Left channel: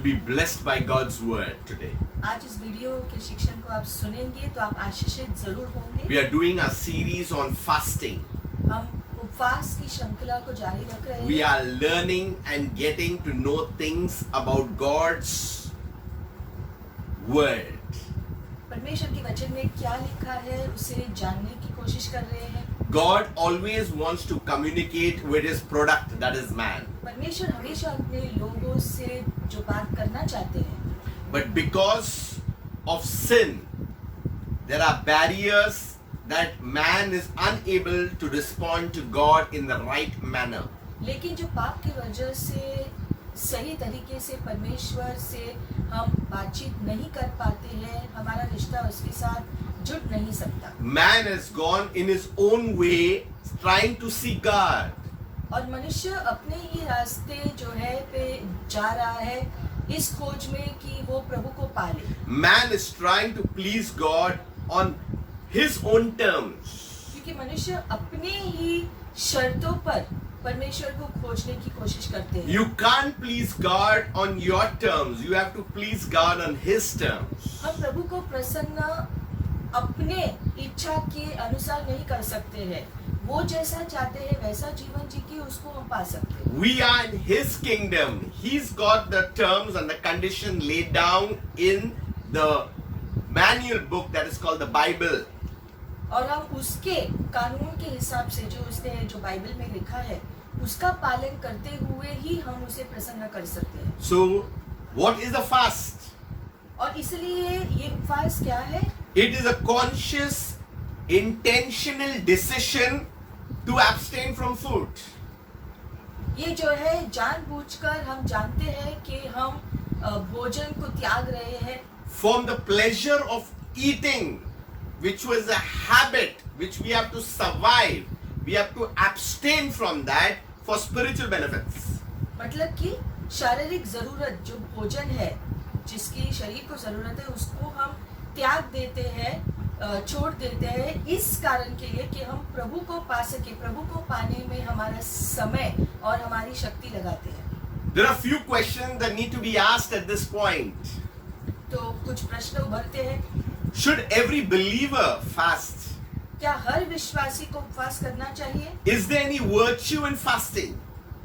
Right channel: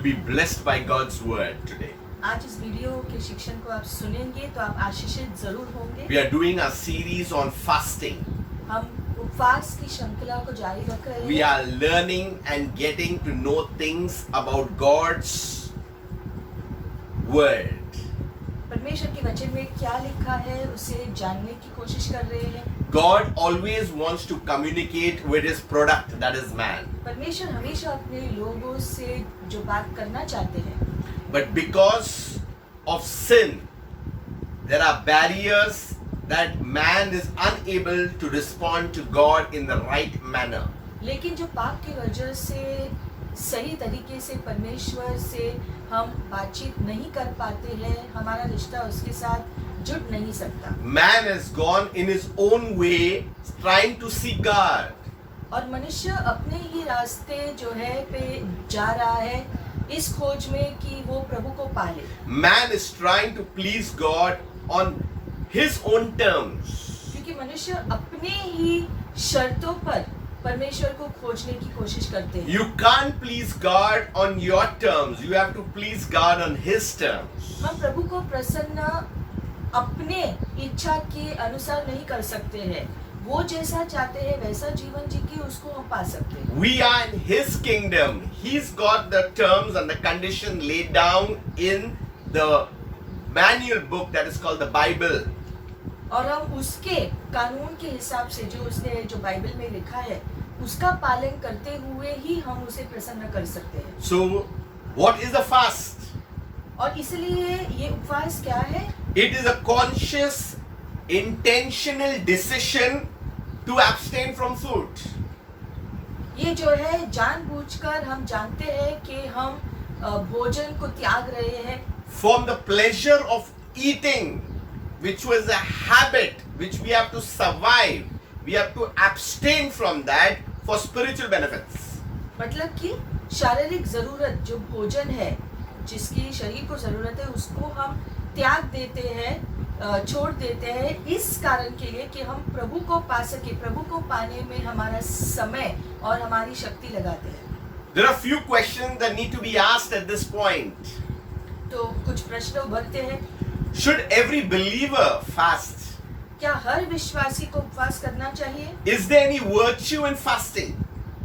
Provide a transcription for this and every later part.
will be blessed by God's word today. आज इस video के शिक्षण को आप सुनेंगे तो आप आशीषित जरूर होंगे। We are doing a series on fasting. हम उपवास की श्रृंखला को जारी रख रहे We हैं। are learning and getting to know things about God's word. परमेश्वर के वचन में क्या लिखा है उसे जानने की कोशिश कर रहे हैं। God always wants to communicate with his product, that is man. परमेश्वर हमेशा अपने लोगों से जो बात करना चाहते हैं, But because of sin, there are barriers that man is unable to respond to God in the right manner. लेकिन जो पाप की वजह से सही तरीके से परमेश्वर से हम बातचीत नहीं कर पाते हैं, हमारा रिश्ता उसके साथ जुड़ नहीं सकता। Man has gone in his own way trying to see God. और मनुष्य अपने ही रास्ते जो है पे जा रहा है इस खोज में कि वो प्रभु को पाले। Man is trying to please God on his own terms. क्योंकि मनुष्य अपने ही शर्तों पर परमेश्वर को खोजने की कोशिश करते हैं। You can't please God on your terms. You have to please God on his terms. हम प्रभु को प्रसन्न अपने इच्छा के अनुसार नहीं कर सकते हैं। वो जैसा चाहते हैं वैसा जीवन जी के उसको हम पा सकते हैं। We are in his kingdom. He's got the terms and the condition laid down in the manual book that is called the Bible. और हम उसके कानून के हिसाब से जो उसने जो बाइबल में लिखा है उसका पालन करते हुए ही हम उसे प्रसन्न कर सकते हैं। So, what is the fast? और इसलिए ये उपवास क्या है? It is a conscious, intentional decision to abstain from food. ये जो है जानबूझकर हम जानते हैं कि हम भोजन को त्याग रहे हैं। From the pleasure of eating, which was a habit which we have to survive, we have to abstain from that for spiritual benefits. मतलब कि शारीरिक जरूरत जो भोजन है जिसकी शरीर को जरूरत है उसको हम त्याग देते हैं, छोड़ देते हैं इस कारण के लिए कि हम प्रभु को पा सके, प्रभु को पाने में हमारा समय और हमारी शक्ति लगाते हैं। There are few questions that need to be asked at this point. तो कुछ प्रश्न उभरते हैं। Should every believer fast? क्या हर विश्वासी को उपवास करना चाहिए Is there any virtue in fasting?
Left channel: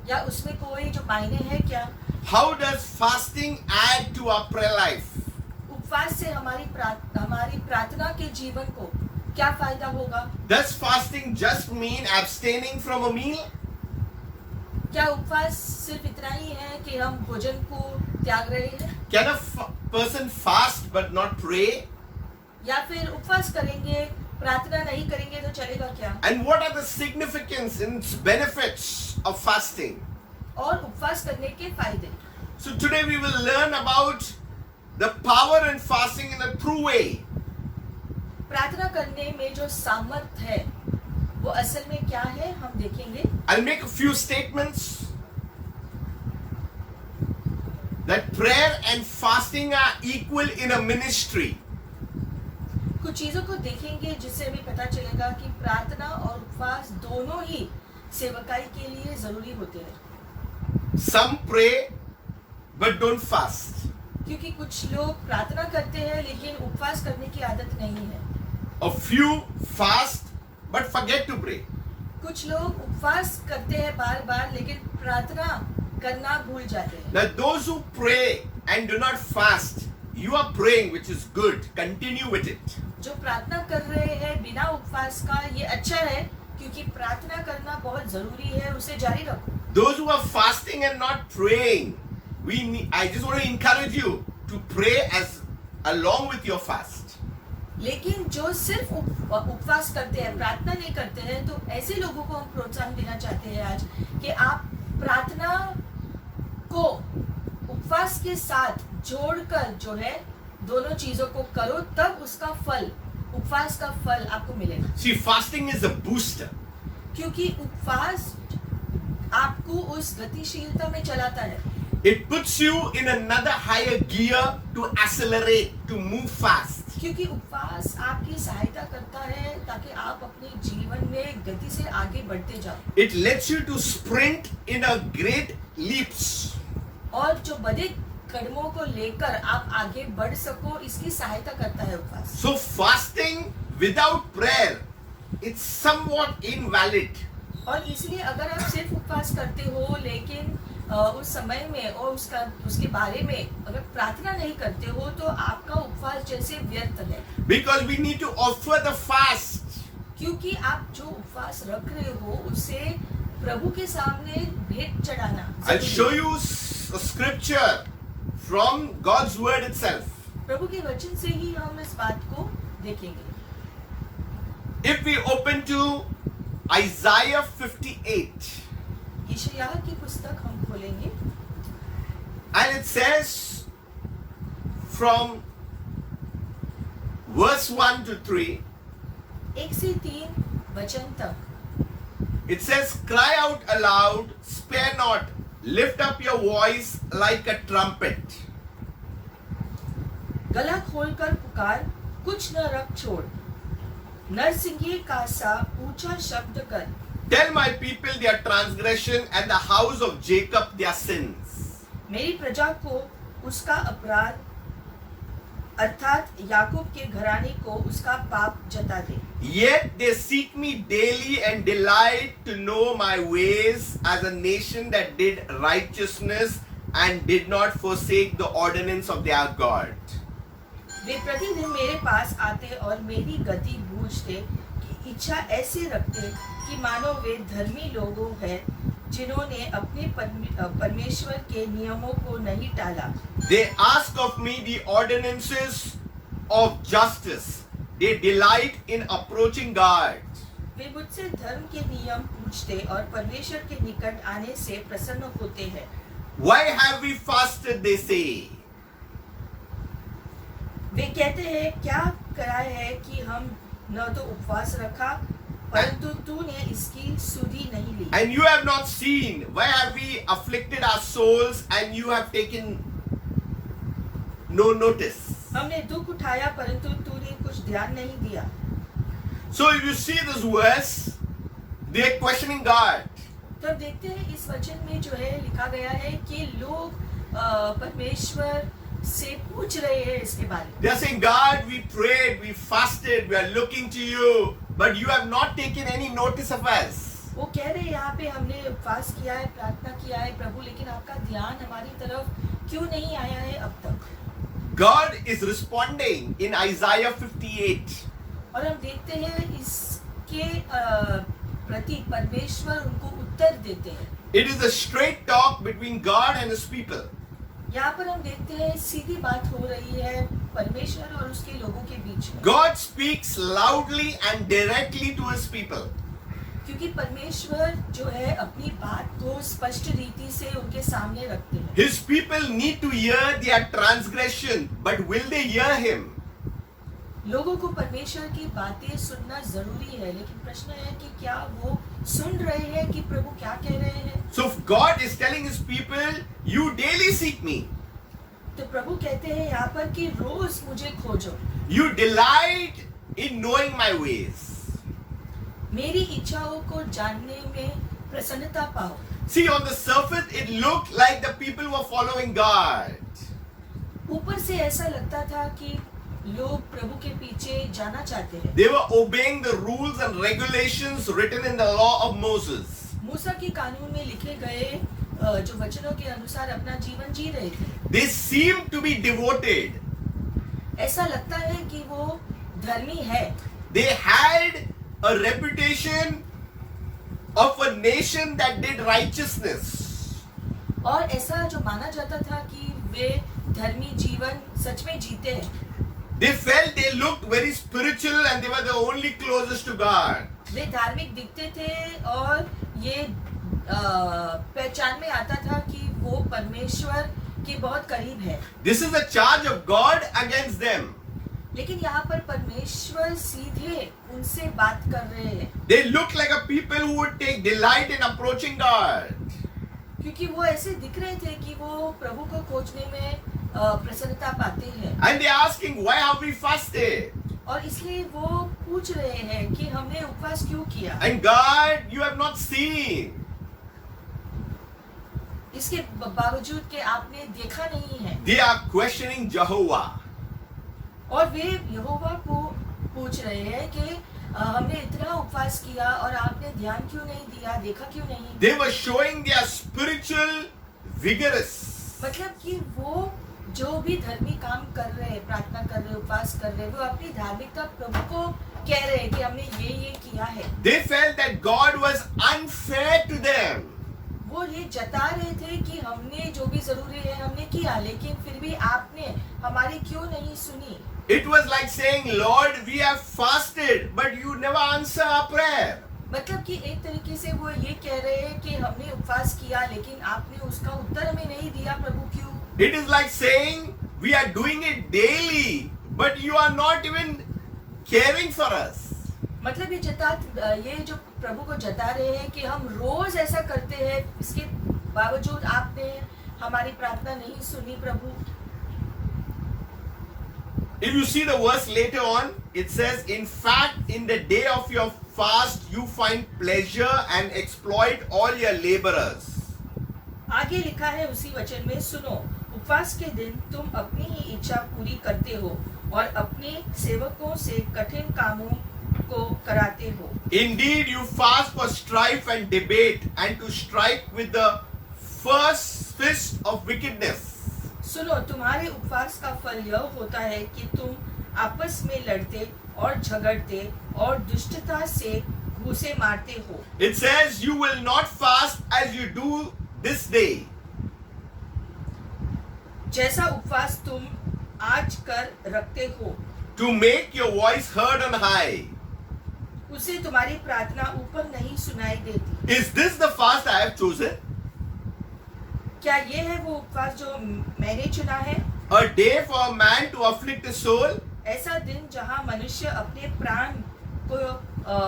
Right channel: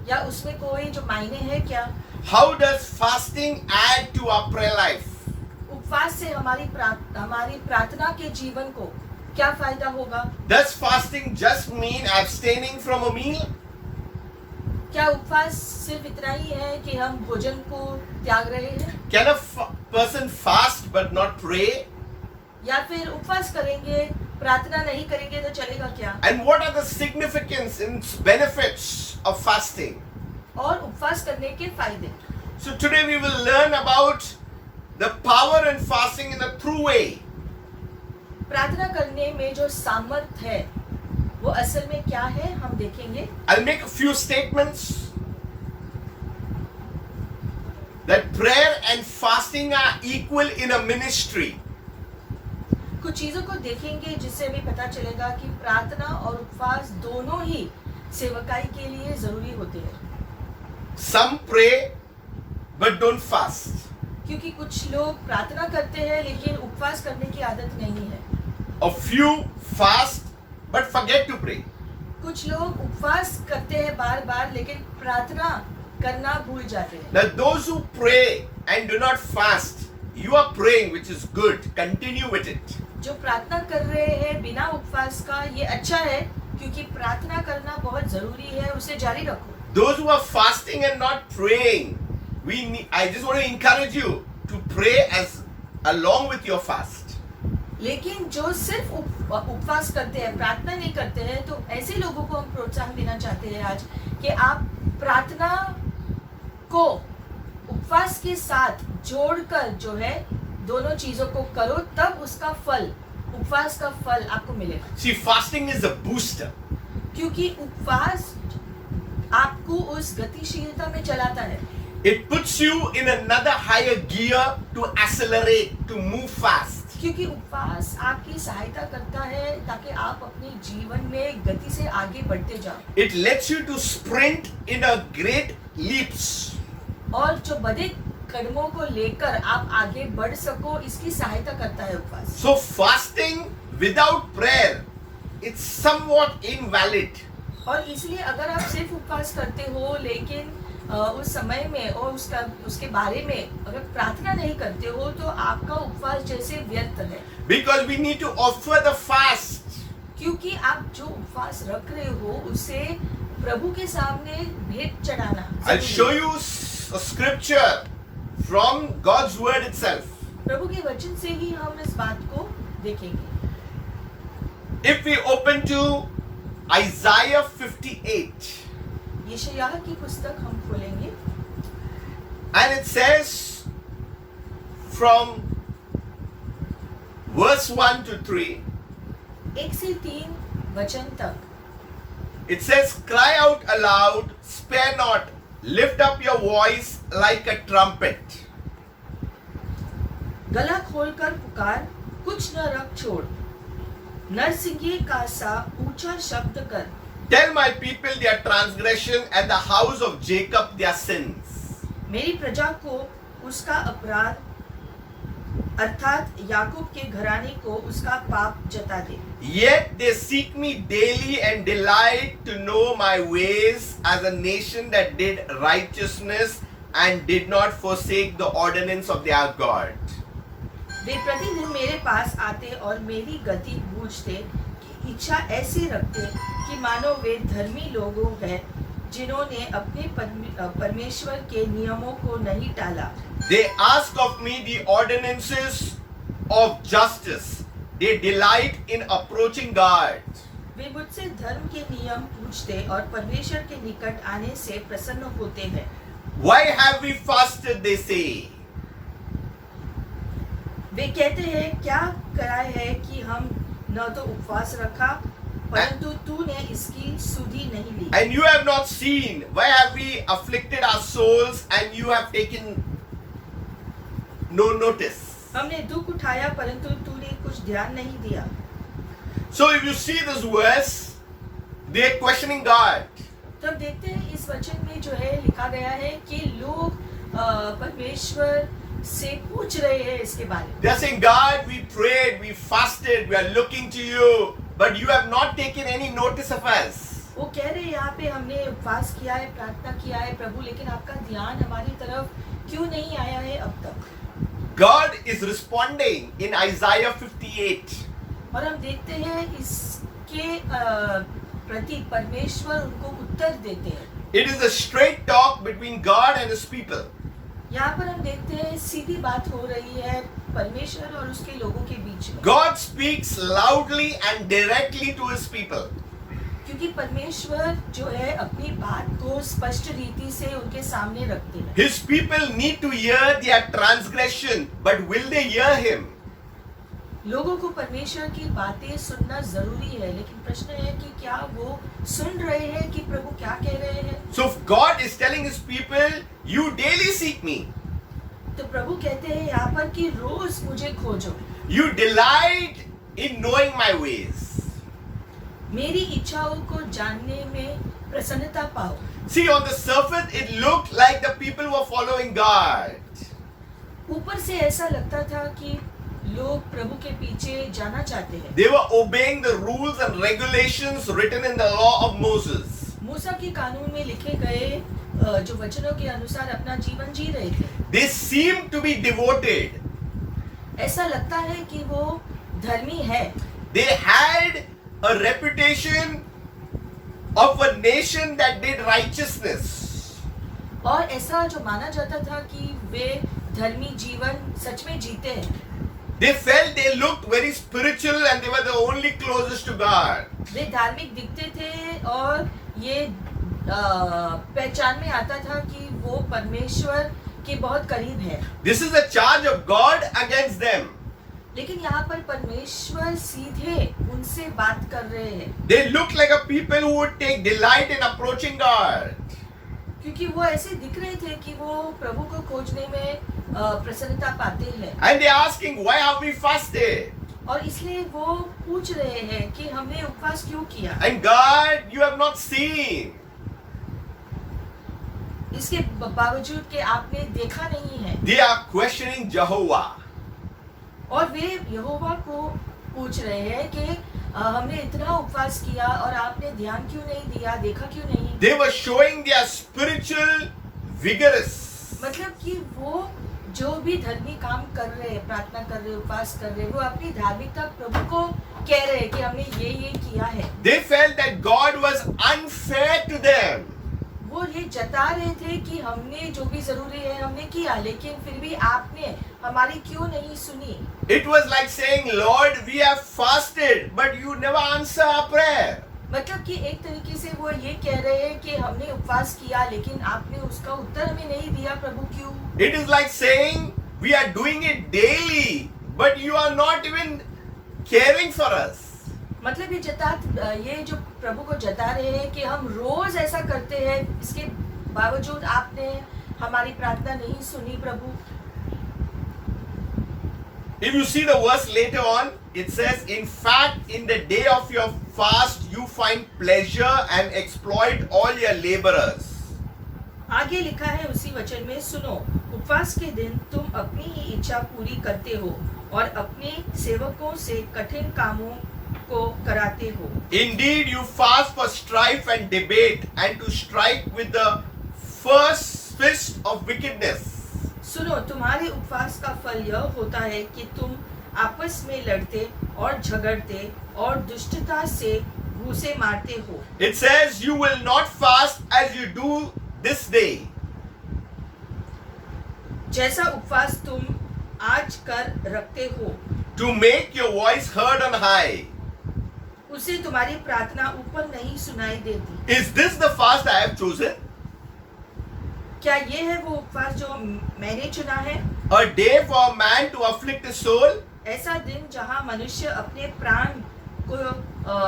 या उसमें कोई जो मायने है क्या? How does fasting add to our prayer life? उपवास से हमारी प्रार्थना के जीवन को क्या फायदा होगा? Does fasting just mean abstaining from a meal? क्या उपवास सिर्फ इतना ही है कि हम भोजन को त्याग रहे हैं? Can a person fast but not pray? या फिर उपवास करेंगे प्रार्थना नहीं करेंगे तो चलेगा क्या? And what are the significance and benefits of fasting? और उपवास करने के फायदे। So today we will learn about the power in fasting in a true way. प्रार्थना करने में जो सामर्थ्य है वो असल में क्या है हम देखेंगे। I'll make a few statements that prayer and fasting are equal in a ministry. कुछ चीजों को देखेंगे जिससे हमें पता चलेगा कि प्रार्थना और उपवास दोनों ही सेवकाई के लिए जरूरी होते हैं। Some pray but don't fast. क्योंकि कुछ लोग प्रार्थना करते हैं लेकिन उपवास करने की आदत नहीं है। A few fast but forget to pray. कुछ लोग उपवास करते हैं बार बार लेकिन प्रार्थना करना भूल जाते हैं। Now those who pray and do not fast, you are praying, which is good. Continue with it. जो प्रार्थना कर रहे हैं बिना उपवास का ये अच्छा है क्योंकि प्रार्थना करना बहुत जरूरी है, उसे जारी रखो। Those who are fasting and not praying, I just want to encourage you to pray as along with your fast. लेकिन जो सिर्फ उपवास करते हैं प्रार्थना नहीं करते हैं तो ऐसे लोगों को हम प्रोत्साहन देना चाहते हैं आज कि आप प्रार्थना को उपवास के साथ जोड़कर जो है दोनों चीजों को करो तब उसका फल, उपवास का फल आपको मिलेगा। See, fasting is a booster. क्योंकि उपवास आपको उस गतिशीलता में चलाता है। It puts you in another higher gear to accelerate, to move fast. क्योंकि उपवास आपकी सहायता करता है ताकि आप अपने जीवन में गति से आगे बढ़ते जाओ। It lets you to sprint in a great leaps. और जो बड़े कदमों को लेकर आप आगे बढ़ सको, इसकी सहायता करता है उपवास। So fasting without prayer, it's somewhat invalid. और इसलिए अगर आप सिर्फ उपवास करते हो लेकिन उस समय में और उसके बारे में अगर प्रार्थना नहीं करते हो तो आपका उपवास जैसे व्यर्थ है। Because we need to offer the fast. क्योंकि आप जो उपवास रख रहे हो उसे प्रभु के सामने भेंट चढ़ाना I'll जरूरी show है। you a scripture from God's word itself. प्रभु के वचन से ही हम इस बात को देखेंगे। If we open to Isaiah 58, यशायाह की पुस्तक हम खोलेंगे and it says from verse 1 to 3, 1 से 3 वचन तक। it says, cry out aloud, spare not, lift up your voice like a trumpet. गला खोलकर पुकार, कुछ न रख छोड़, नरसिंगे का सा ऊंचा शब्द कर। Tell my people their transgression and the house of Jacob their sins. मेरी प्रजा को उसका अपराध अर्थात याकूब के घराने को उसका पाप जता दे। Yet they seek me daily and delight to know my ways, as a nation that did righteousness and did not forsake the ordinance of their God. वे प्रतिदिन मेरे पास आते और मेरी गति पूछते कि इच्छा ऐसे रखते कि मानो वे धर्मी लोगों हैं जिन्होंने अपने परमेश्वर के नियमों को नहीं टाला। They ask of me the ordinances of justice. They delight in approaching God. वे मुझसे धर्म के नियम पूछते और परमेश्वर के निकट आने से प्रसन्न होते हैं। Why have we fasted, they say. वे कहते हैं क्या करा है कि हम न तो उपवास रखा परंतु तूने इसकी सुधि नहीं ली। And you have not seen. Why have we afflicted our souls and you have taken no notice? हमने दुख उठाया परंतु तूने कुछ ध्यान नहीं दिया। So if you see this verse, they are questioning God. तो हम देखते हैं इस वचन में जो है लिखा गया है कि लोग परमेश्वर से पूछ रहे हैं इसके बारे में। They are saying, God, we prayed, we fasted, we are looking to you, but you have not taken any notice of us. वो कह रहे हैं यहाँ पे हमने उपवास किया है, प्रार्थना किया है प्रभु, लेकिन आपका ध्यान हमारी तरफ क्यों नहीं आया है अब तक। God is responding in Isaiah 58. और हम देखते हैं इसके प्रति परमेश्वर उनको उत्तर देते हैं। It is a straight talk between God and His people. यहाँ पर हम देखते हैं सीधी बात हो रही है परमेश्वर और उसके लोगों के बीच में। God speaks loudly and directly to His people. क्योंकि परमेश्वर जो है अपनी बात को स्पष्ट रीति से उनके सामने रखते हैं। His people need to hear their transgression, but will they hear Him? लोगों को परमेश्वर की बातें सुनना जरूरी है, लेकिन प्रश्न है कि क्या वो सुन रहे हैं कि प्रभु क्या कह रहे हैं। So if God is telling His people, you daily seek me. तो प्रभु कहते हैं यहाँ पर कि रोज मुझे खोजो। You delight in knowing my ways. मेरी इच्छाओं को जानने में प्रसन्नता पाओ। See, on the surface, it looked like the people were following God. ऊपर से ऐसा लगता था कि लोग प्रभु के पीछे जाना चाहते हैं। They were obeying the rules and regulations written in the law of Moses. मूसा के कानून में लिखे गए जो वचनों के अनुसार अपना जीवन जी रहे थे। They seemed to be devoted. ऐसा लगता है कि वो धर्मी है। They had a reputation of a nation that did righteousness. और ऐसा जो माना जाता था कि वे धर्मी जीवन सच में जीते हैं। They felt they looked very spiritual and they were the only closest to God. वे धार्मिक दिखते थे और ये पहचान में आता था कि वो परमेश्वर के बहुत करीब है। This is a charge of God against them. लेकिन यहाँ पर परमेश्वर सीधे उनसे बात कर रहे हैं। They looked like a people who would take delight in approaching God. क्योंकि वो ऐसे दिख रहे थे कि वो प्रभु को खोजने में प्रसन्नता पाते हैं। And they are asking, why have we fasted? और इसलिए वो पूछ रहे हैं कि हमने उपवास क्यों किया। And God, you have not seen. इसके बावजूद कि आपने देखा नहीं है, They are questioning Jehovah. और वे यहोवा को पूछ रहे हैं कि हमने इतना उपवास किया और आपने ध्यान क्यों नहीं दिया, देखा क्यों नहीं। They were showing their spiritual vigorous. मतलब कि वो जो भी धर्मी काम कर रहे हैं, प्रार्थना कर रहे हैं, उपवास कर रहे हैं, वो अपनी धार्मिकता प्रभु को कह रहे हैं कि हमने ये किया है। They felt that God was unfair to them. वो ये जता रहे थे कि हमने जो भी जरूरी है हमने किया, लेकिन फिर भी आपने हमारी क्यों नहीं सुनी। It was like saying, Lord, we have fasted, but you never answer our prayer. मतलब कि एक तरीके से वो ये कह रहे हैं कि हमने उपवास किया लेकिन आपने उसका उत्तर हमें नहीं दिया, प्रभु क्यों। It is like saying, we are doing it daily, but you are not even caring for us. मतलब ये जो प्रभु को जता रहे हैं कि हम रोज ऐसा करते हैं, इसके बावजूद आपने हमारी प्रार्थना नहीं सुनी प्रभु। If you see the verse later on, it says, in fact, in the day of your fast, you find pleasure and exploit all your laborers. आगे लिखा है उसी वचन में, सुनो, उपवास के दिन तुम अपनी ही इच्छा पूरी करते हो और अपने सेवकों से कठिन कामों को कराते हो। Indeed, you fast for strife and debate and to strike with the first fist of wickedness. सुनो, तुम्हारे उपवास का फल यह होता है कि तुम आपस में लड़ते और झगड़ते और दुष्टता से घूंसे मारते हो। It says, you will not fast as you do this day. जैसा उपवास तुम आज कर रखते हो, To make your voice heard on high. उसे तुम्हारी प्रार्थना ऊपर नहीं सुनाई देती। Is this the fast I have chosen? क्या ये है वो उपवास जो मैंने चुना है? A day for a man to afflict his soul? ऐसा दिन जहाँ मनुष्य अपने प्राण को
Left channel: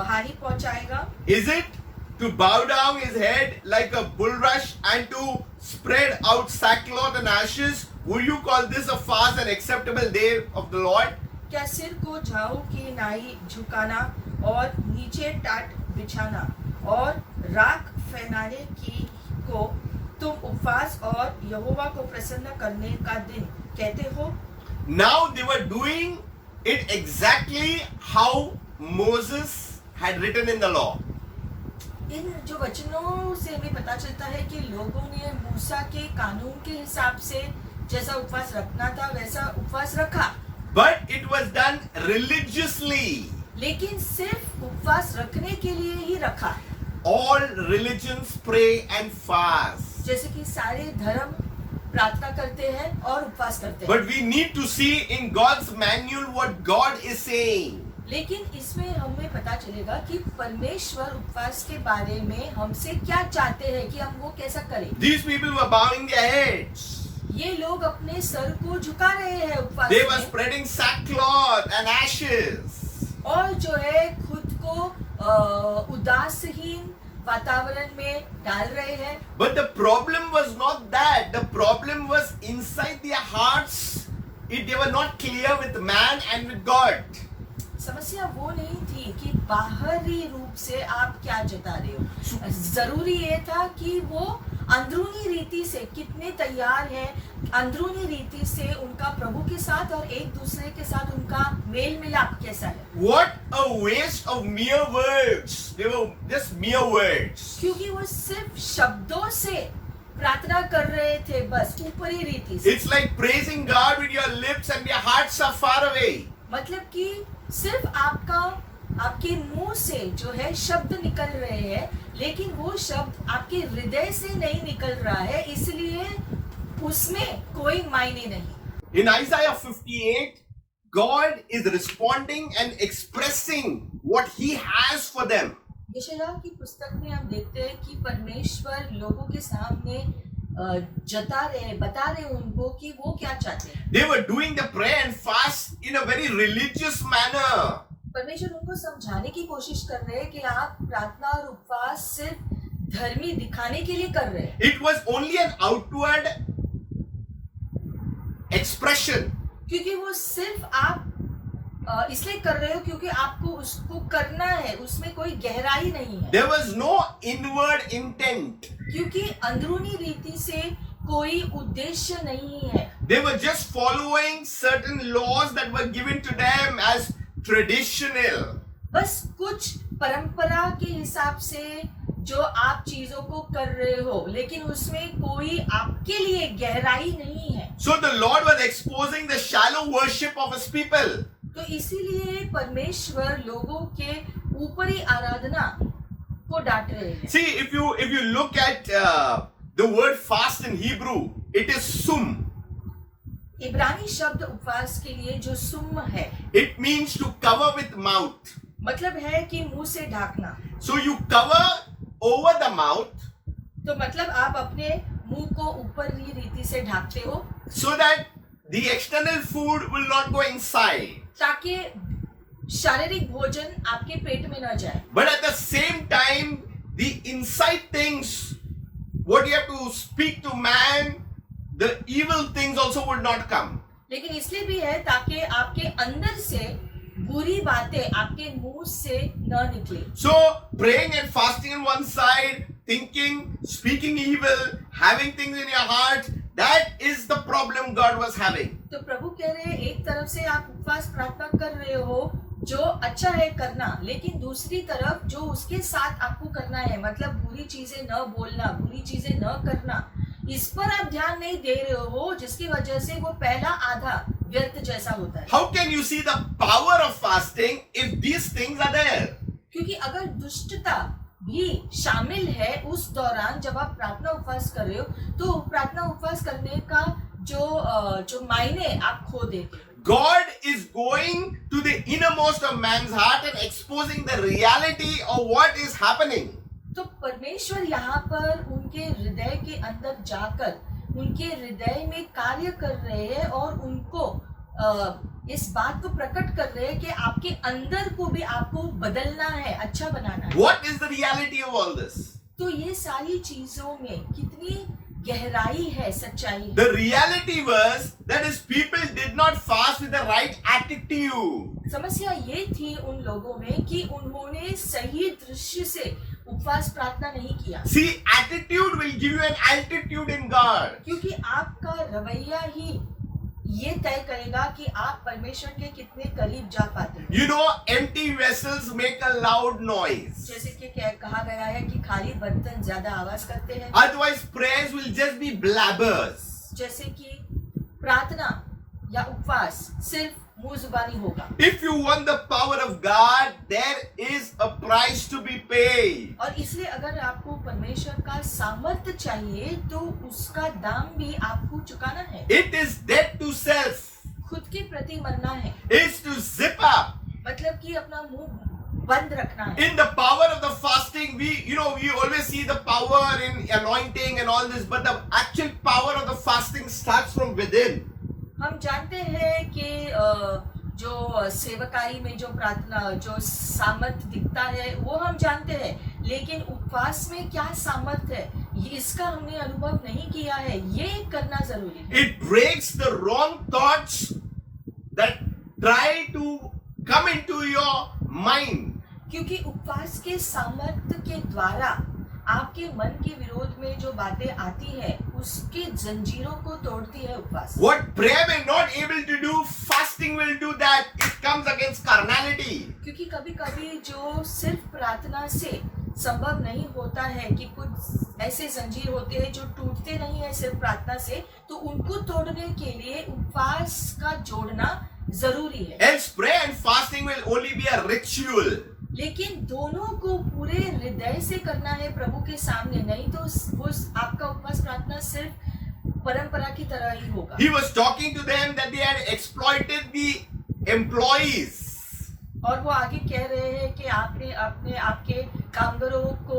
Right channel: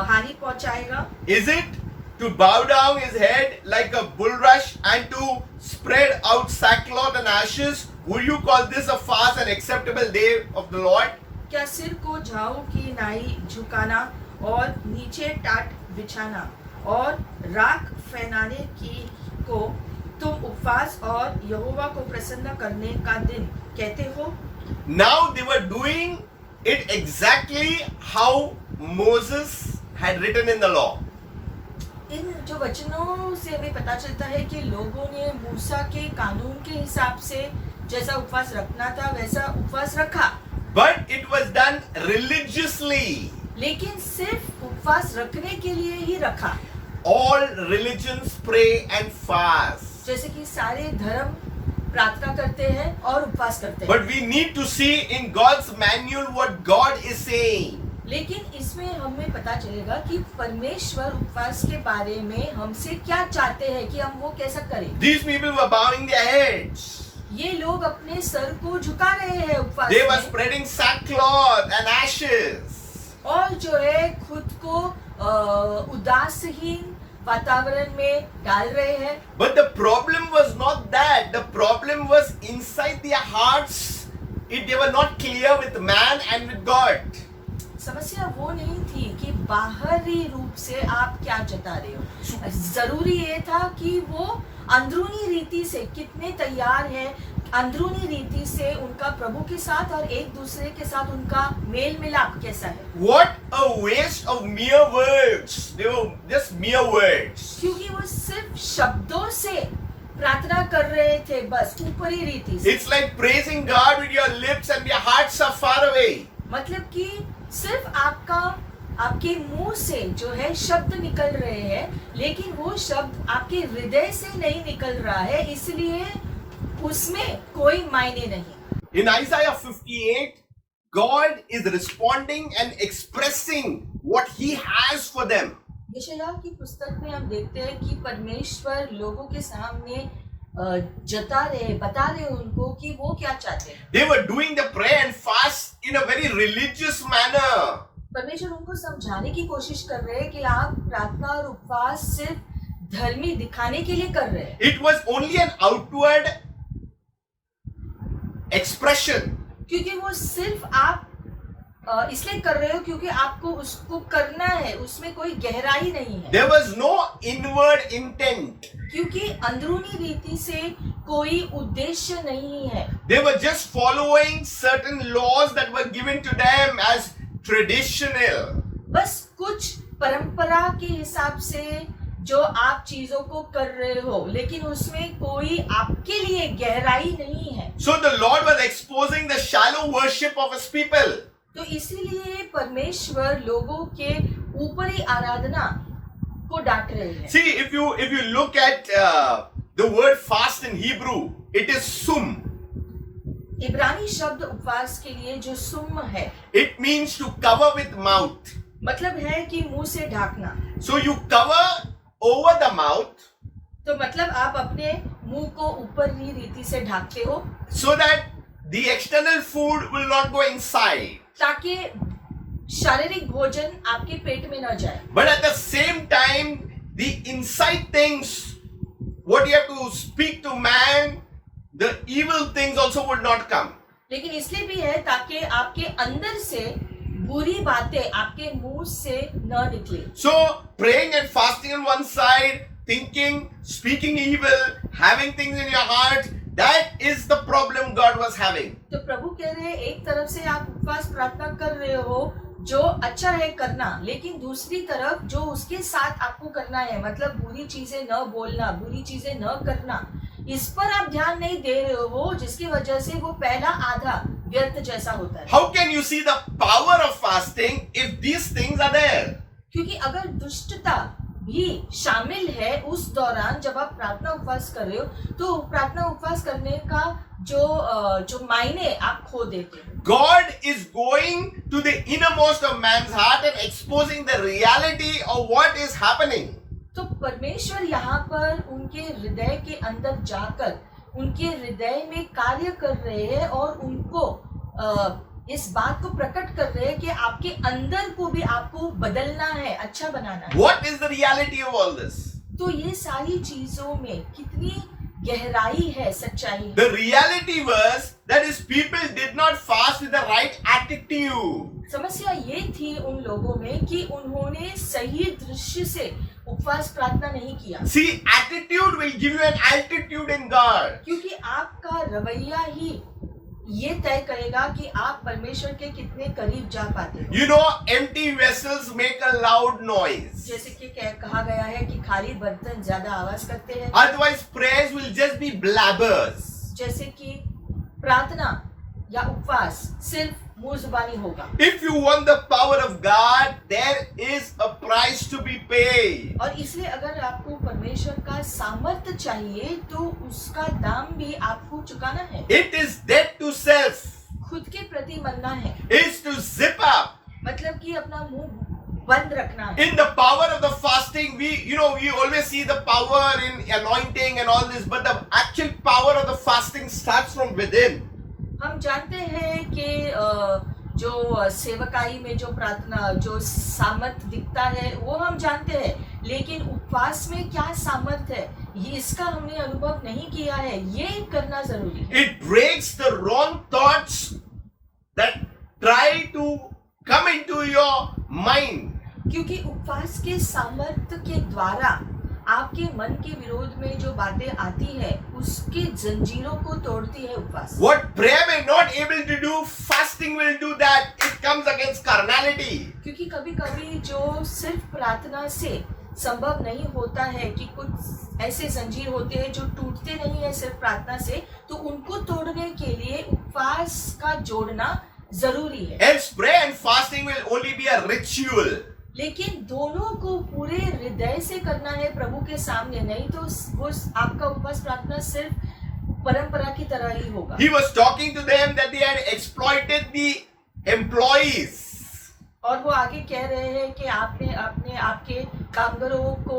हानि पहुंचाएगा? Is it to bow down his head like a bulrush and to spread out sackcloth and ashes? Would you call this a fast and acceptable day of the Lord? क्या सिर को झाऊ की नाई झुकाना और नीचे टाट बिछाना और राख फैलाने की को तुम उपवास और यहोवा को प्रसन्न करने का दिन कहते हो? Now they were doing it exactly how Moses had written in the law. इन जो वचनों से हमें पता चलता है कि लोगों ने मूसा के कानून के हिसाब से जैसा उपवास रखना था वैसा उपवास रखा। But it was done religiously. लेकिन सिर्फ उपवास रखने के लिए ही रखा। All religions pray and fast. जैसे कि सारे धर्म प्रार्थना करते हैं और उपवास करते हैं। But we need to see in God's manual what God is saying. लेकिन इसमें हमें पता चलेगा कि परमेश्वर उपवास के बारे में हमसे क्या चाहते हैं कि हम वो कैसा करें। These people were bowing their heads. ये लोग अपने सर को झुका रहे हैं उपवास They were में spreading sackcloth and ashes. और जो है खुद को उदासहीन वातावरण में डाल रहे हैं। But the problem was not that. The problem was inside their hearts. They were not clear with man and with God. समस्या वो नहीं थी कि बाहरी रूप से आप क्या जता रहे हो। जरूरी ये था कि वो अंदरूनी रीति से कितने तैयार हैं, अंदरूनी रीति से उनका प्रभु के साथ और एक दूसरे के साथ उनका मेल मिलाप कैसा है। What a waste of mere words. They were just mere words. क्योंकि वो सिर्फ शब्दों से प्रार्थना कर रहे थे, बस ऊपरी रीति से। It's like praising God with your lips and your hearts are far away. मतलब कि सिर्फ आपके मुंह से जो है शब्द निकल रहे हैं, लेकिन वो शब्द आपके हृदय से नहीं निकल रहा है, इसलिए उसमें कोई मायने नहीं। In Isaiah 58, God is responding and expressing what He has for them. यशायाह की पुस्तक में हम देखते हैं कि परमेश्वर लोगों के सामने जता रहे, बता रहे उनको कि वो क्या चाहते हैं। They were doing the prayer and fast in a very religious manner. परमेश्वर उनको समझाने की कोशिश कर रहे हैं कि आप प्रार्थना और उपवास सिर्फ धर्मी दिखाने के लिए कर रहे हैं। It was only an outward expression. क्योंकि वो सिर्फ आप इसलिए कर रहे हो क्योंकि आपको उसको करना है, उसमें कोई गहराई नहीं है, There was no inward intent. क्योंकि अंदरूनी रीति से कोई उद्देश्य नहीं है. They were just following certain laws that were given to them as traditional. बस कुछ परंपरा के हिसाब से जो आप चीजों को कर रहे हो, लेकिन उसमें कोई आपके लिए गहराई नहीं है. So the Lord was exposing the shallow worship of his people. तो इसीलिए परमेश्वर लोगों के ऊपरी आराधना को डांट रहे हैं. See, if you look at the word fast in Hebrew, it is sum. इब्रानी शब्द उपवास के लिए जो सुम है, It means to cover with mouth. मतलब है कि मुंह से ढाकना. So you cover over the mouth तो मतलब आप अपने मुंह को ऊपरी रीति से ढाकते हो so that the external food will not go inside. ताकि शारीरिक भोजन आपके पेट में न जाए. But at the same time, the inside things, what you have to speak to man, the evil things also would not come. लेकिन इसलिए भी है ताकि आपके अंदर से बुरी बातें आपके मुंह से न निकले. So praying and fasting on one side, thinking, speaking evil, having things in your heart, that is the problem God was having. तो प्रभु कह रहे हैं, एक तरफ से आप उपवास प्रार्थना कर रहे हो जो अच्छा है करना, लेकिन दूसरी तरफ जो उसके साथ आपको करना है, मतलब बुरी चीजें न बोलना, बुरी चीजें न करना, इस पर आप ध्यान नहीं दे रहे हो, जिसकी वजह से वो पहला आधा व्यर्थ जैसा होता है. How can you see the power of fasting if these things are there? क्योंकि अगर दुष्टता भी शामिल है उस दौरान जब आप प्रार्थना उपवास कर रहे हो, तो प्रार्थना उपवास करने का जो मायने आप खो देते हो. God is going to the innermost of man's heart and exposing the reality of what is happening. तो परमेश्वर यहाँ पर उनके हृदय के अंदर जाकर उनके हृदय में कार्य कर रहे हैं और उनको इस बात को प्रकट कर रहे हैं कि आपके अंदर को भी आपको बदलना है, अच्छा बनाना है. What is the reality of all this? तो ये सारी चीजों में कितनी गहराई है, सच्चाई है. The reality was that his people did not fast with the right attitude. समस्या ये थी उन लोगों में कि उन्होंने सही दृश्य से उपवास प्रार्थना नहीं किया. See, attitude will give you an altitude in God. क्योंकि आपका रवैया ही ये तय करेगा कि आप परमेश्वर के कितने करीब जा पाते हैं. You know, empty vessels make a loud noise. जैसे कि कहा गया है कि खाली बर्तन ज्यादा आवाज करते हैं. Otherwise, prayers will just be blabbers. जैसे कि प्रार्थना या उपवास सिर्फ मुंह जुबानी होगा. If you want the power of God, there is a price to be paid. और इसलिए अगर आपको परमेश्वर का सामर्थ्य चाहिए तो उसका दाम भी आपको चुकाना है. It is dead to self. खुद के प्रति मरना है, It's to zip up. मतलब कि अपना मुंह बंद रखना है. In the power of the fasting, we always see the power in anointing and all this, but the actual power of the fasting starts from within. हम जानते हैं कि जो सेवकाई में जो प्रार्थना जो सामर्थ्य दिखता है वो हम जानते हैं, लेकिन उपवास में क्या सामर्थ्य है ये इसका हमने अनुभव नहीं किया है. ये करना जरूरी है. It breaks the wrong thoughts that try to come into your mind. क्योंकि उपवास के सामर्थ्य के द्वारा आपके मन के विरोध में जो बातें आती है उसकी जंजीरों को तोड़ती है उपवास. What prayer may not able to do, fasting will do that. It comes against carnality. क्योंकि कभी कभी जो सिर्फ प्रार्थना से संभव नहीं होता है कि कुछ ऐसे जंजीर होते हैं जो टूटते नहीं है सिर्फ प्रार्थना से, तो उनको तोड़ने के लिए उपवास का जोड़ना जरूरी है. Else prayer and fasting will only be a ritual. लेकिन दोनों को पूरे हृदय से करना है प्रभु के सामने, नहीं तो वो आपका उपवास प्रार्थना सिर्फ परंपरा की तरह ही होगा. He was talking to them that they had exploited the employees. और वो आगे कह रहे हैं कि आपने आपके कामगारों को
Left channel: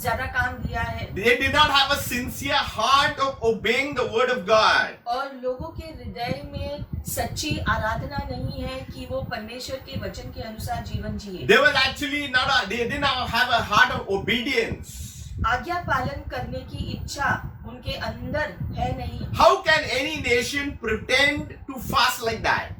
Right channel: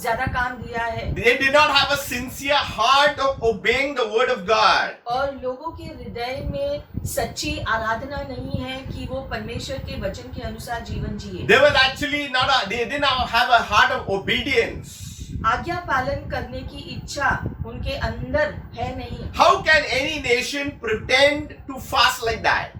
ज्यादा काम दिया है. They did not have a sincere heart of obeying the word of God. और लोगों के हृदय में सच्ची आराधना नहीं है कि वो परमेश्वर के वचन के अनुसार जीवन जिए. They was actually they did not have a heart of obedience. आज्ञा पालन करने की इच्छा उनके अंदर है नहीं. How can any nation pretend to fast like that?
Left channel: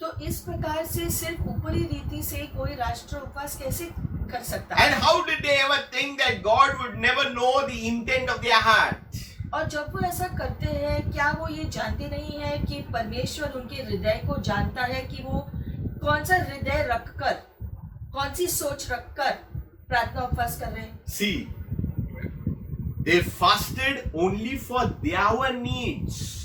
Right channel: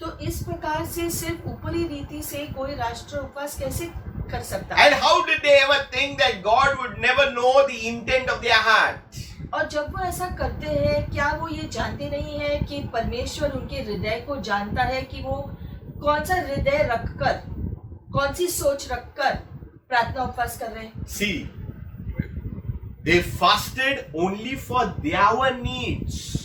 तो तो इस प्रकार से सिर्फ ऊपरी रीति से कोई राष्ट्र उपवास कैसे कर सकता है? And how did they ever think that God would never know the intent of their heart? और जब वो ऐसा करते हैं, क्या वो ये जानते नहीं है कि परमेश्वर उनके हृदय को जानता है कि वो कौन सा हृदय रखकर, कौन सी सोच रखकर प्रार्थना उपवास कर रहे हैं? See, they fasted only for their needs.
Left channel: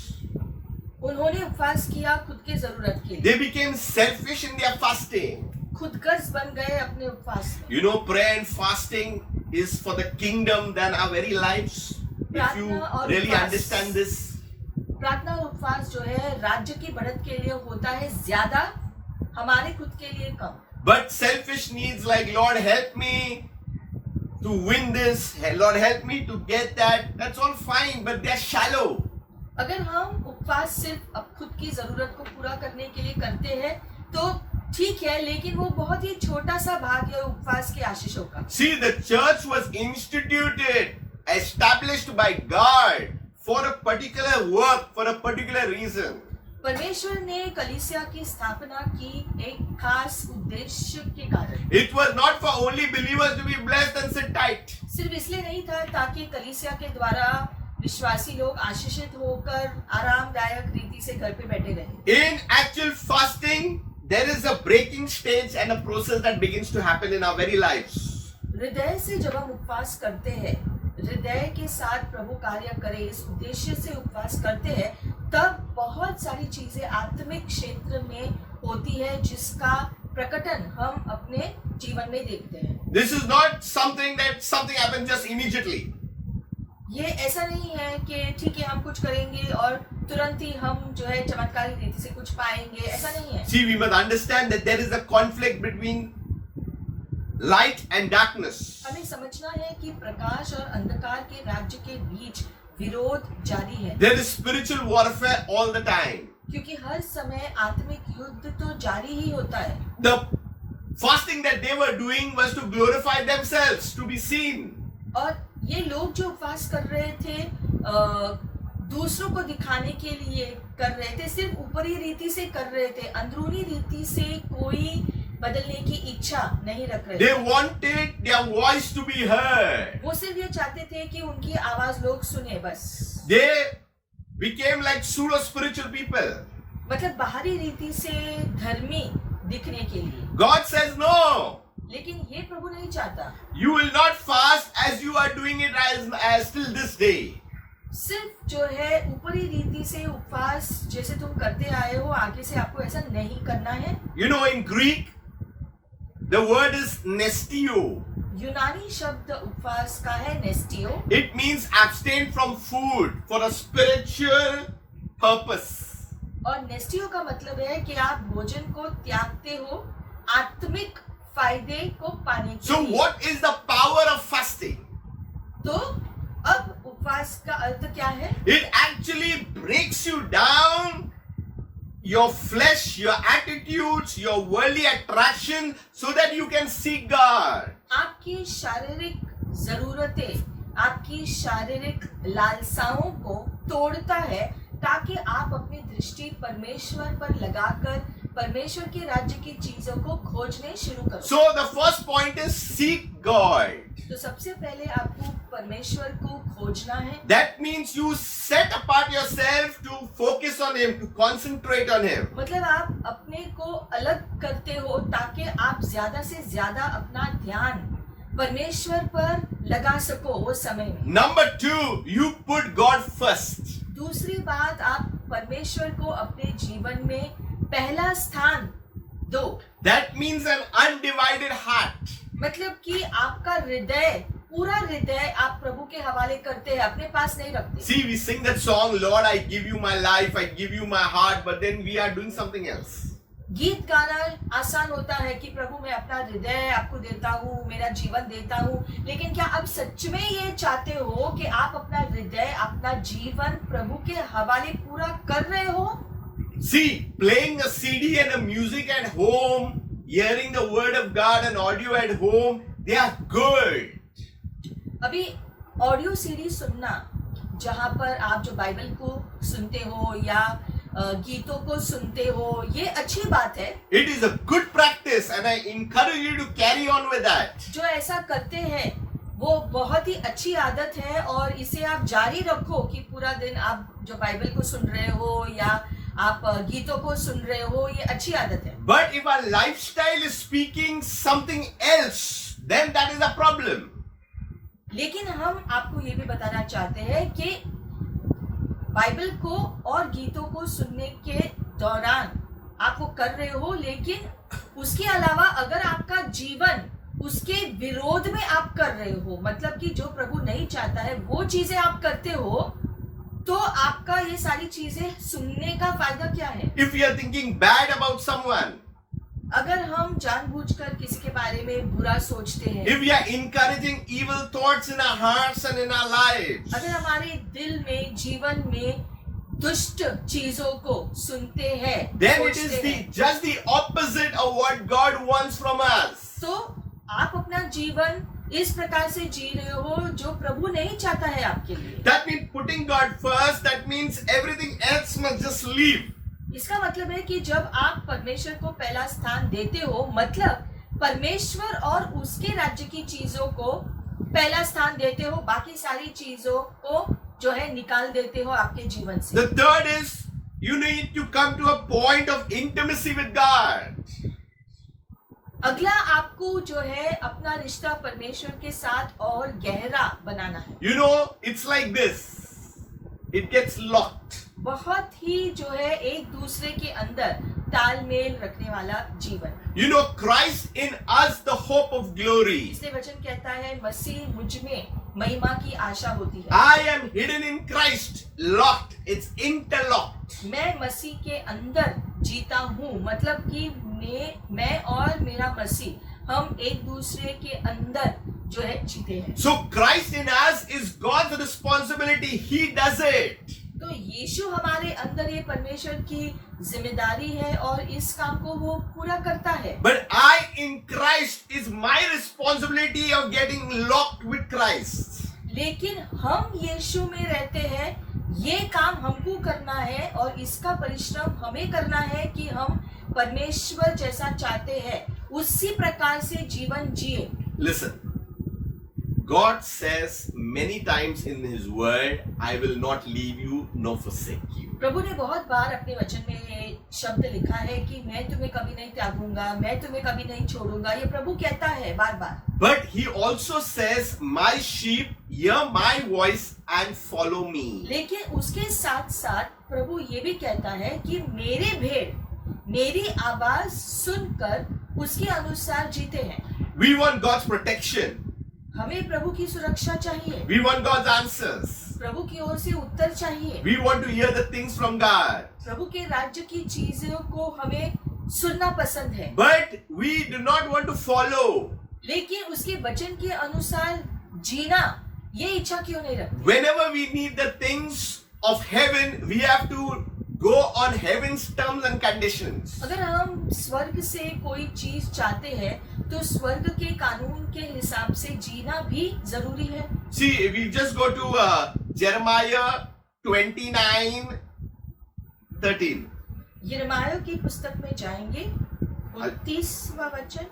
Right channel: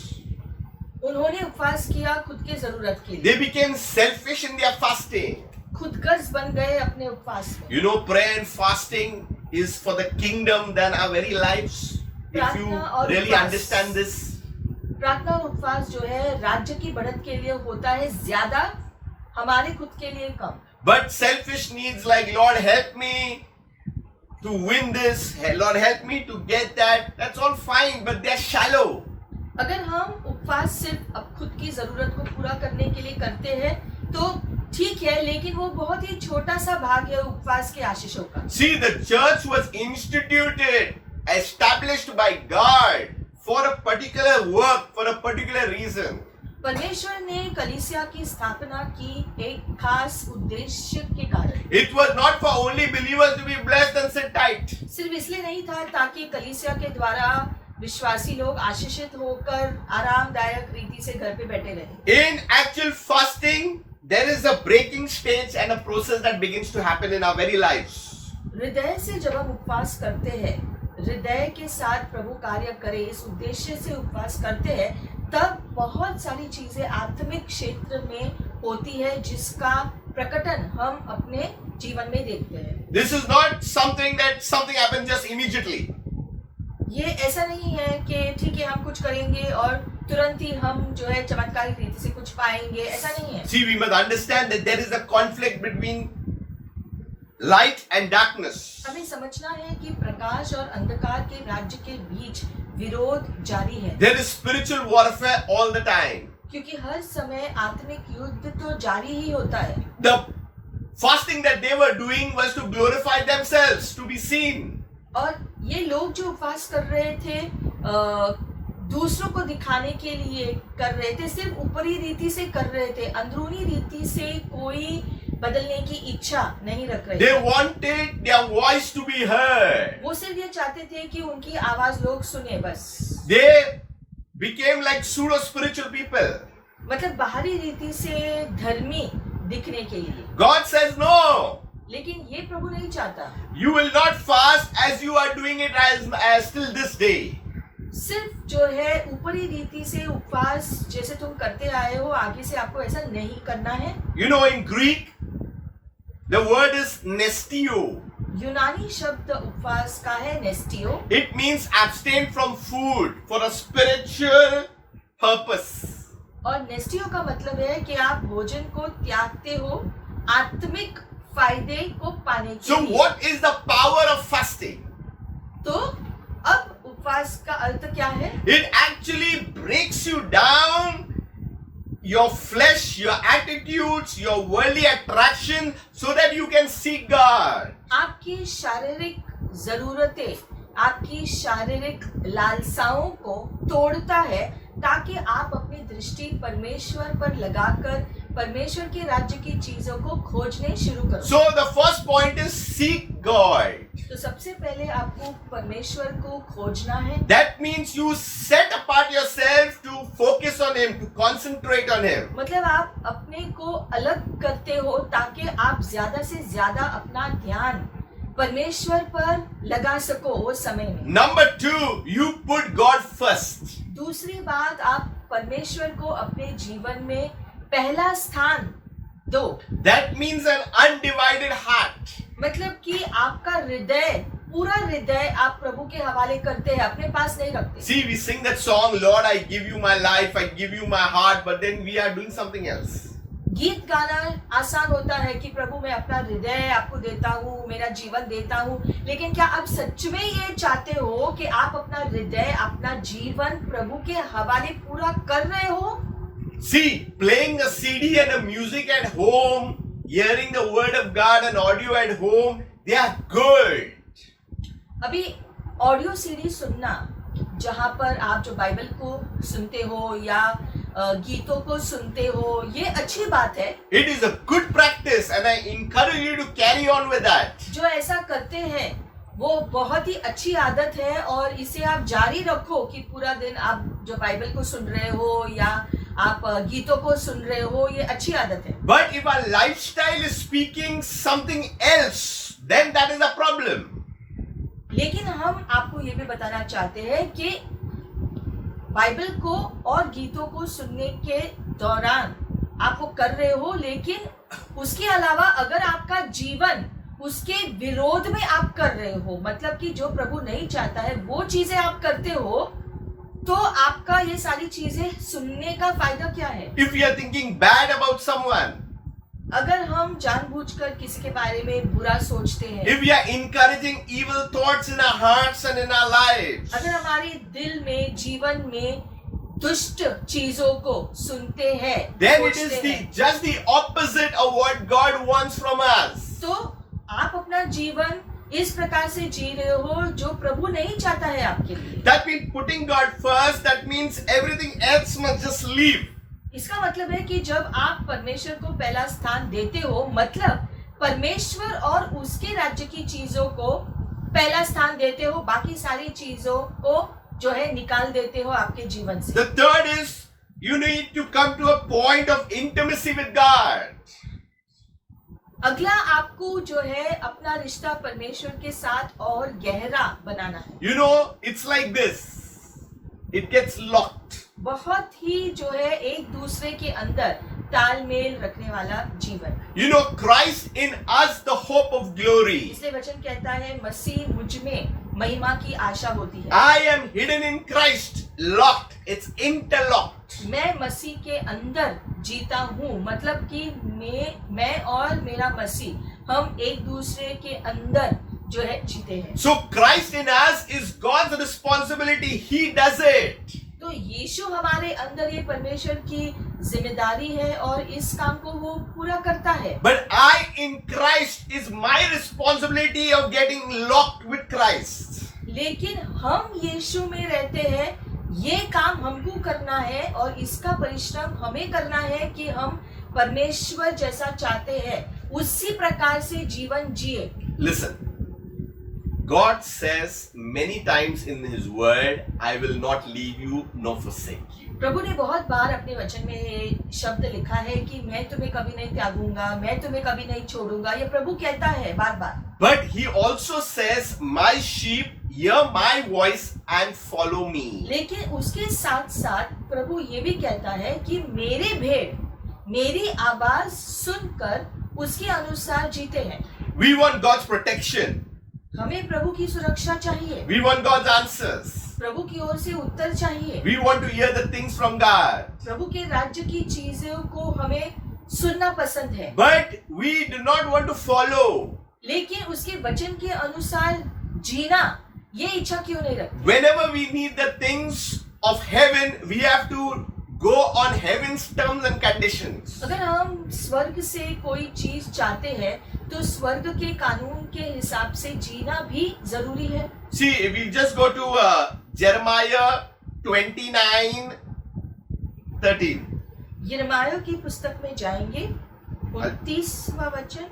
उन्होंने उपवास किया खुद के जरूरत के लिए। They became selfish in their fasting. खुदगर्ज बन गए अपने उपवास में। You know, prayer and fasting is for the kingdom than our very lives. If you प्रार्थना और really उपवास। understand this. प्रार्थना और उपवास जो है राज्य की बढ़त के लिए होता है ज्यादा, हमारे खुद के लिए कम। But selfish needs like, Lord, help me to win this, Lord, help me to get that, that's all fine, but they're shallow. अगर हम उपवास सिर्फ अब खुद की जरूरत को पूरा करने के लिए करते हैं तो ठीक है, लेकिन वो बहुत ही छोटा सा भाग है उपवास के आशीषों का। See, the church was instituted, established by God for a particular work, for a particular reason. परमेश्वर ने कलीसिया की स्थापना की एक खास उद्देश्य के कारण। It was not for only believers to be blessed and sit tight. सिर्फ इसलिए नहीं था ताकि कलीसिया के द्वारा विश्वासी लोग आशीषित होकर आरामदायक रीति से घर पे बैठे रहे। In actual fasting, there is a breaking stage and a process that begins to happen in our very lives. हृदय से जब हम उपवास करते हैं, हृदय के साथ प्रभु कार्य करे इस उद्देश्य से उपवास करते हैं, तब बहुत सारी चीजें आत्मिक क्षेत्र में होती है जिसका प्रकटन हम अपने जीवन में देखते हैं। This is not something happens just immediately. ये ऐसा नहीं है कि ठीक है हम कुछ करेंगे और तुरंत ही हम जो है चमत्कारिक रीति से कुछ पाएंगे, ऐसा नहीं है। See, we must understand that there is a conflict between light and darkness. हमें समझना है कि प्रकाश और अंधकार के राज्य के बीच विरोध जारी है। There is spiritual warfare all the time. क्योंकि हर समय आत्मिक युद्ध तो जारी ही होता है। The fasting that they were doing was to glorify themselves, to be seen. और ये लोग जो उपवास कर रहे थे दूसरों को दिखाने के लिए कर रहे थे, सिर्फ ऊपरी रीति से कर रहे थे, अंदरूनी रीति से कोई बदलने की इच्छा नहीं रख रहे They थे। wanted their voice to be heard. वो सिर्फ ये चाहते थे कि उनकी आवाज लोग सुने बस। They became like pseudo spiritual people. मतलब बाहरी रीति से धर्मी दिखने के लिए। God says no. लेकिन ये प्रभु नहीं चाहता। You will not fast as you are doing it as till this day. सिर्फ जो है ऊपरी रीति से उपवास जैसे तुम करते आए हो, आगे से आपको ऐसा नहीं करना है। You know, in Greek, the word is nestio. यूनानी शब्द उपवास का है नेस्टियो। It means abstain from food for a spiritual purpose. और नेस्टियो का मतलब है कि आप भोजन को त्यागते हो आत्मिक फायदे को पाने के So लिए। what is the power of fasting? तो अब उपवास का अर्थ क्या है? It actually breaks you down, your flesh, your attitudes, your worldly attraction, so that you can seek God. आपकी शारीरिक जरूरतें, आपकी शारीरिक लालसाओं को तोड़ता है ताकि आप अपनी दृष्टि परमेश्वर पर लगाकर परमेश्वर के राज्य की चीजों को खोजने शुरू करो। So the first point is seek God. तो सबसे पहले आपको परमेश्वर को खोजना है। That means you set apart yourself to focus on Him, to concentrate on Him. मतलब आप अपने को अलग करते हो ताकि आप ज्यादा से ज्यादा अपना ध्यान परमेश्वर पर लगा सको वो समय में। Number 2, you put God first. दूसरी बात, आप परमेश्वर को अपने जीवन में पहला स्थान दो। That means an undivided heart. मतलब कि आपका हृदय, पूरा हृदय आप प्रभु के हवाले करते हैं, अपने पास नहीं रखते। See, we sing that song, Lord, I give you my life, I give you my heart, but then we are doing something else. गीत गाना आसान होता है कि प्रभु मैं अपना हृदय आपको देता हूँ, मेरा जीवन देता हूँ, लेकिन क्या आप सच में ये चाहते हो कि आप अपना हृदय, अपना जीवन प्रभु के हवाले पूरा कर रहे हो? See, playing a CD and a music at home, hearing the word of God and audio at home, they are good. अभी ऑडियो सीडी सुनना, जहाँ पर आप जो बाइबल को सुनते हो या गीतों को सुनते हो, ये अच्छी बात है। It is a good practice, and I encourage you to carry on with that. जो ऐसा करते हैं वो बहुत ही अच्छी आदत है और इसे आप जारी रखो कि पूरा दिन आप जो बाइबल को सुन रहे हो या आप गीतों को सुन रहे हो, ये अच्छी आदत है। But if our lifestyle is speaking something else, then that is a problem. लेकिन हम आपको ये भी बताना चाहते हैं कि बाइबल को और गीतों को सुनने के दौरान आप वो कर रहे हो, लेकिन उसके अलावा अगर आपका जीवन उसके विरोध में आप कर रहे हो, मतलब कि जो प्रभु नहीं चाहता है वो चीजें आप करते हो, तो आपका ये सारी चीजें सुनने का फायदा क्या है? If we are thinking bad about someone, अगर हम जानबूझकर किसी के बारे में बुरा सोचते हैं, if we are encouraging evil thoughts in our hearts and in our lives, अगर हमारे दिल में, जीवन में दुष्ट चीजों को सुनते हैं, then it is सोचते हैं, just the opposite of what God wants from us. तो आप अपना जीवन इस प्रकार से जी रहे हो जो प्रभु नहीं चाहता है आपके लिए। That means putting God first, that means everything else must just leave. इसका मतलब है कि जब आप परमेश्वर को पहला स्थान देते हो, मतलब परमेश्वर और उसके राज्य की चीजों को पहला स्थान देते हो, बाकी सारी चीजों को जो है निकाल देते हो आपके जीवन से। The third is you need to come to a point of intimacy with God. अगला आपको जो है अपना रिश्ता परमेश्वर के साथ और गहरा बनाना है। You know, it's like this. It gets locked. बहुत ही जो है एक दूसरे के अंदर तालमेल रखने वाला जीवन। You know, Christ in us, the hope of glory. इसलिए वचन कहता है मसीह मुझ में महिमा की आशा होती है। I am hidden in Christ, locked. It's interlocked. मैं मसीह के अंदर जीता हूँ, मतलब कि मैं और मेरा मसीह हम एक दूसरे के अंदर जो है जीते हैं। So Christ in us is God's responsibility. He does it. तो यीशु हमारे अंदर ये परमेश्वर की जिम्मेदारी है और इस काम को वो पूरा करता है। But I in Christ is my responsibility of getting locked with Christ. लेकिन हम यीशु में रहते हैं, ये काम हमको करना है और इसका परिश्रम हमें करना है कि हम परमेश्वर जैसा चाहते हैं उसी प्रकार से जीवन जिए। Listen, God says many times in His Word, I will not leave you nor forsake you. प्रभु ने बहुत बार अपने वचन में ये शब्द लिखा है कि मैं तुम्हें कभी नहीं त्यागूंगा, मैं तुम्हें कभी नहीं छोड़ूंगा, ये प्रभु कहता है बार बार। But He also says, my sheep hear my voice and follow me. लेकिन उसके साथ साथ प्रभु ये भी कहता है कि मेरे भेड़ मेरी आवाज सुनकर उसके अनुसार जीते हैं। We want God's protection. हमें प्रभु की सुरक्षा चाहिए, We want God's answers. प्रभु की ओर से उत्तर चाहिए, We want to hear the things from God. प्रभु के राज्य की चीजों को हमें सुनना पसंद है, But we do not want to follow. लेकिन उसके वचन के अनुसार जीना ये इच्छा क्यों नहीं रखते? Whenever we need the things of heaven, we have to go on heaven's terms and conditions. अगर हम स्वर्ग से कोई चीज चाहते हैं तो स्वर्ग के कानून के हिसाब से जीना भी जरूरी है। See, if we just go to Jeremiah 29:13. यिर्मयाह की पुस्तक में जाएंगे, 29वां वचन।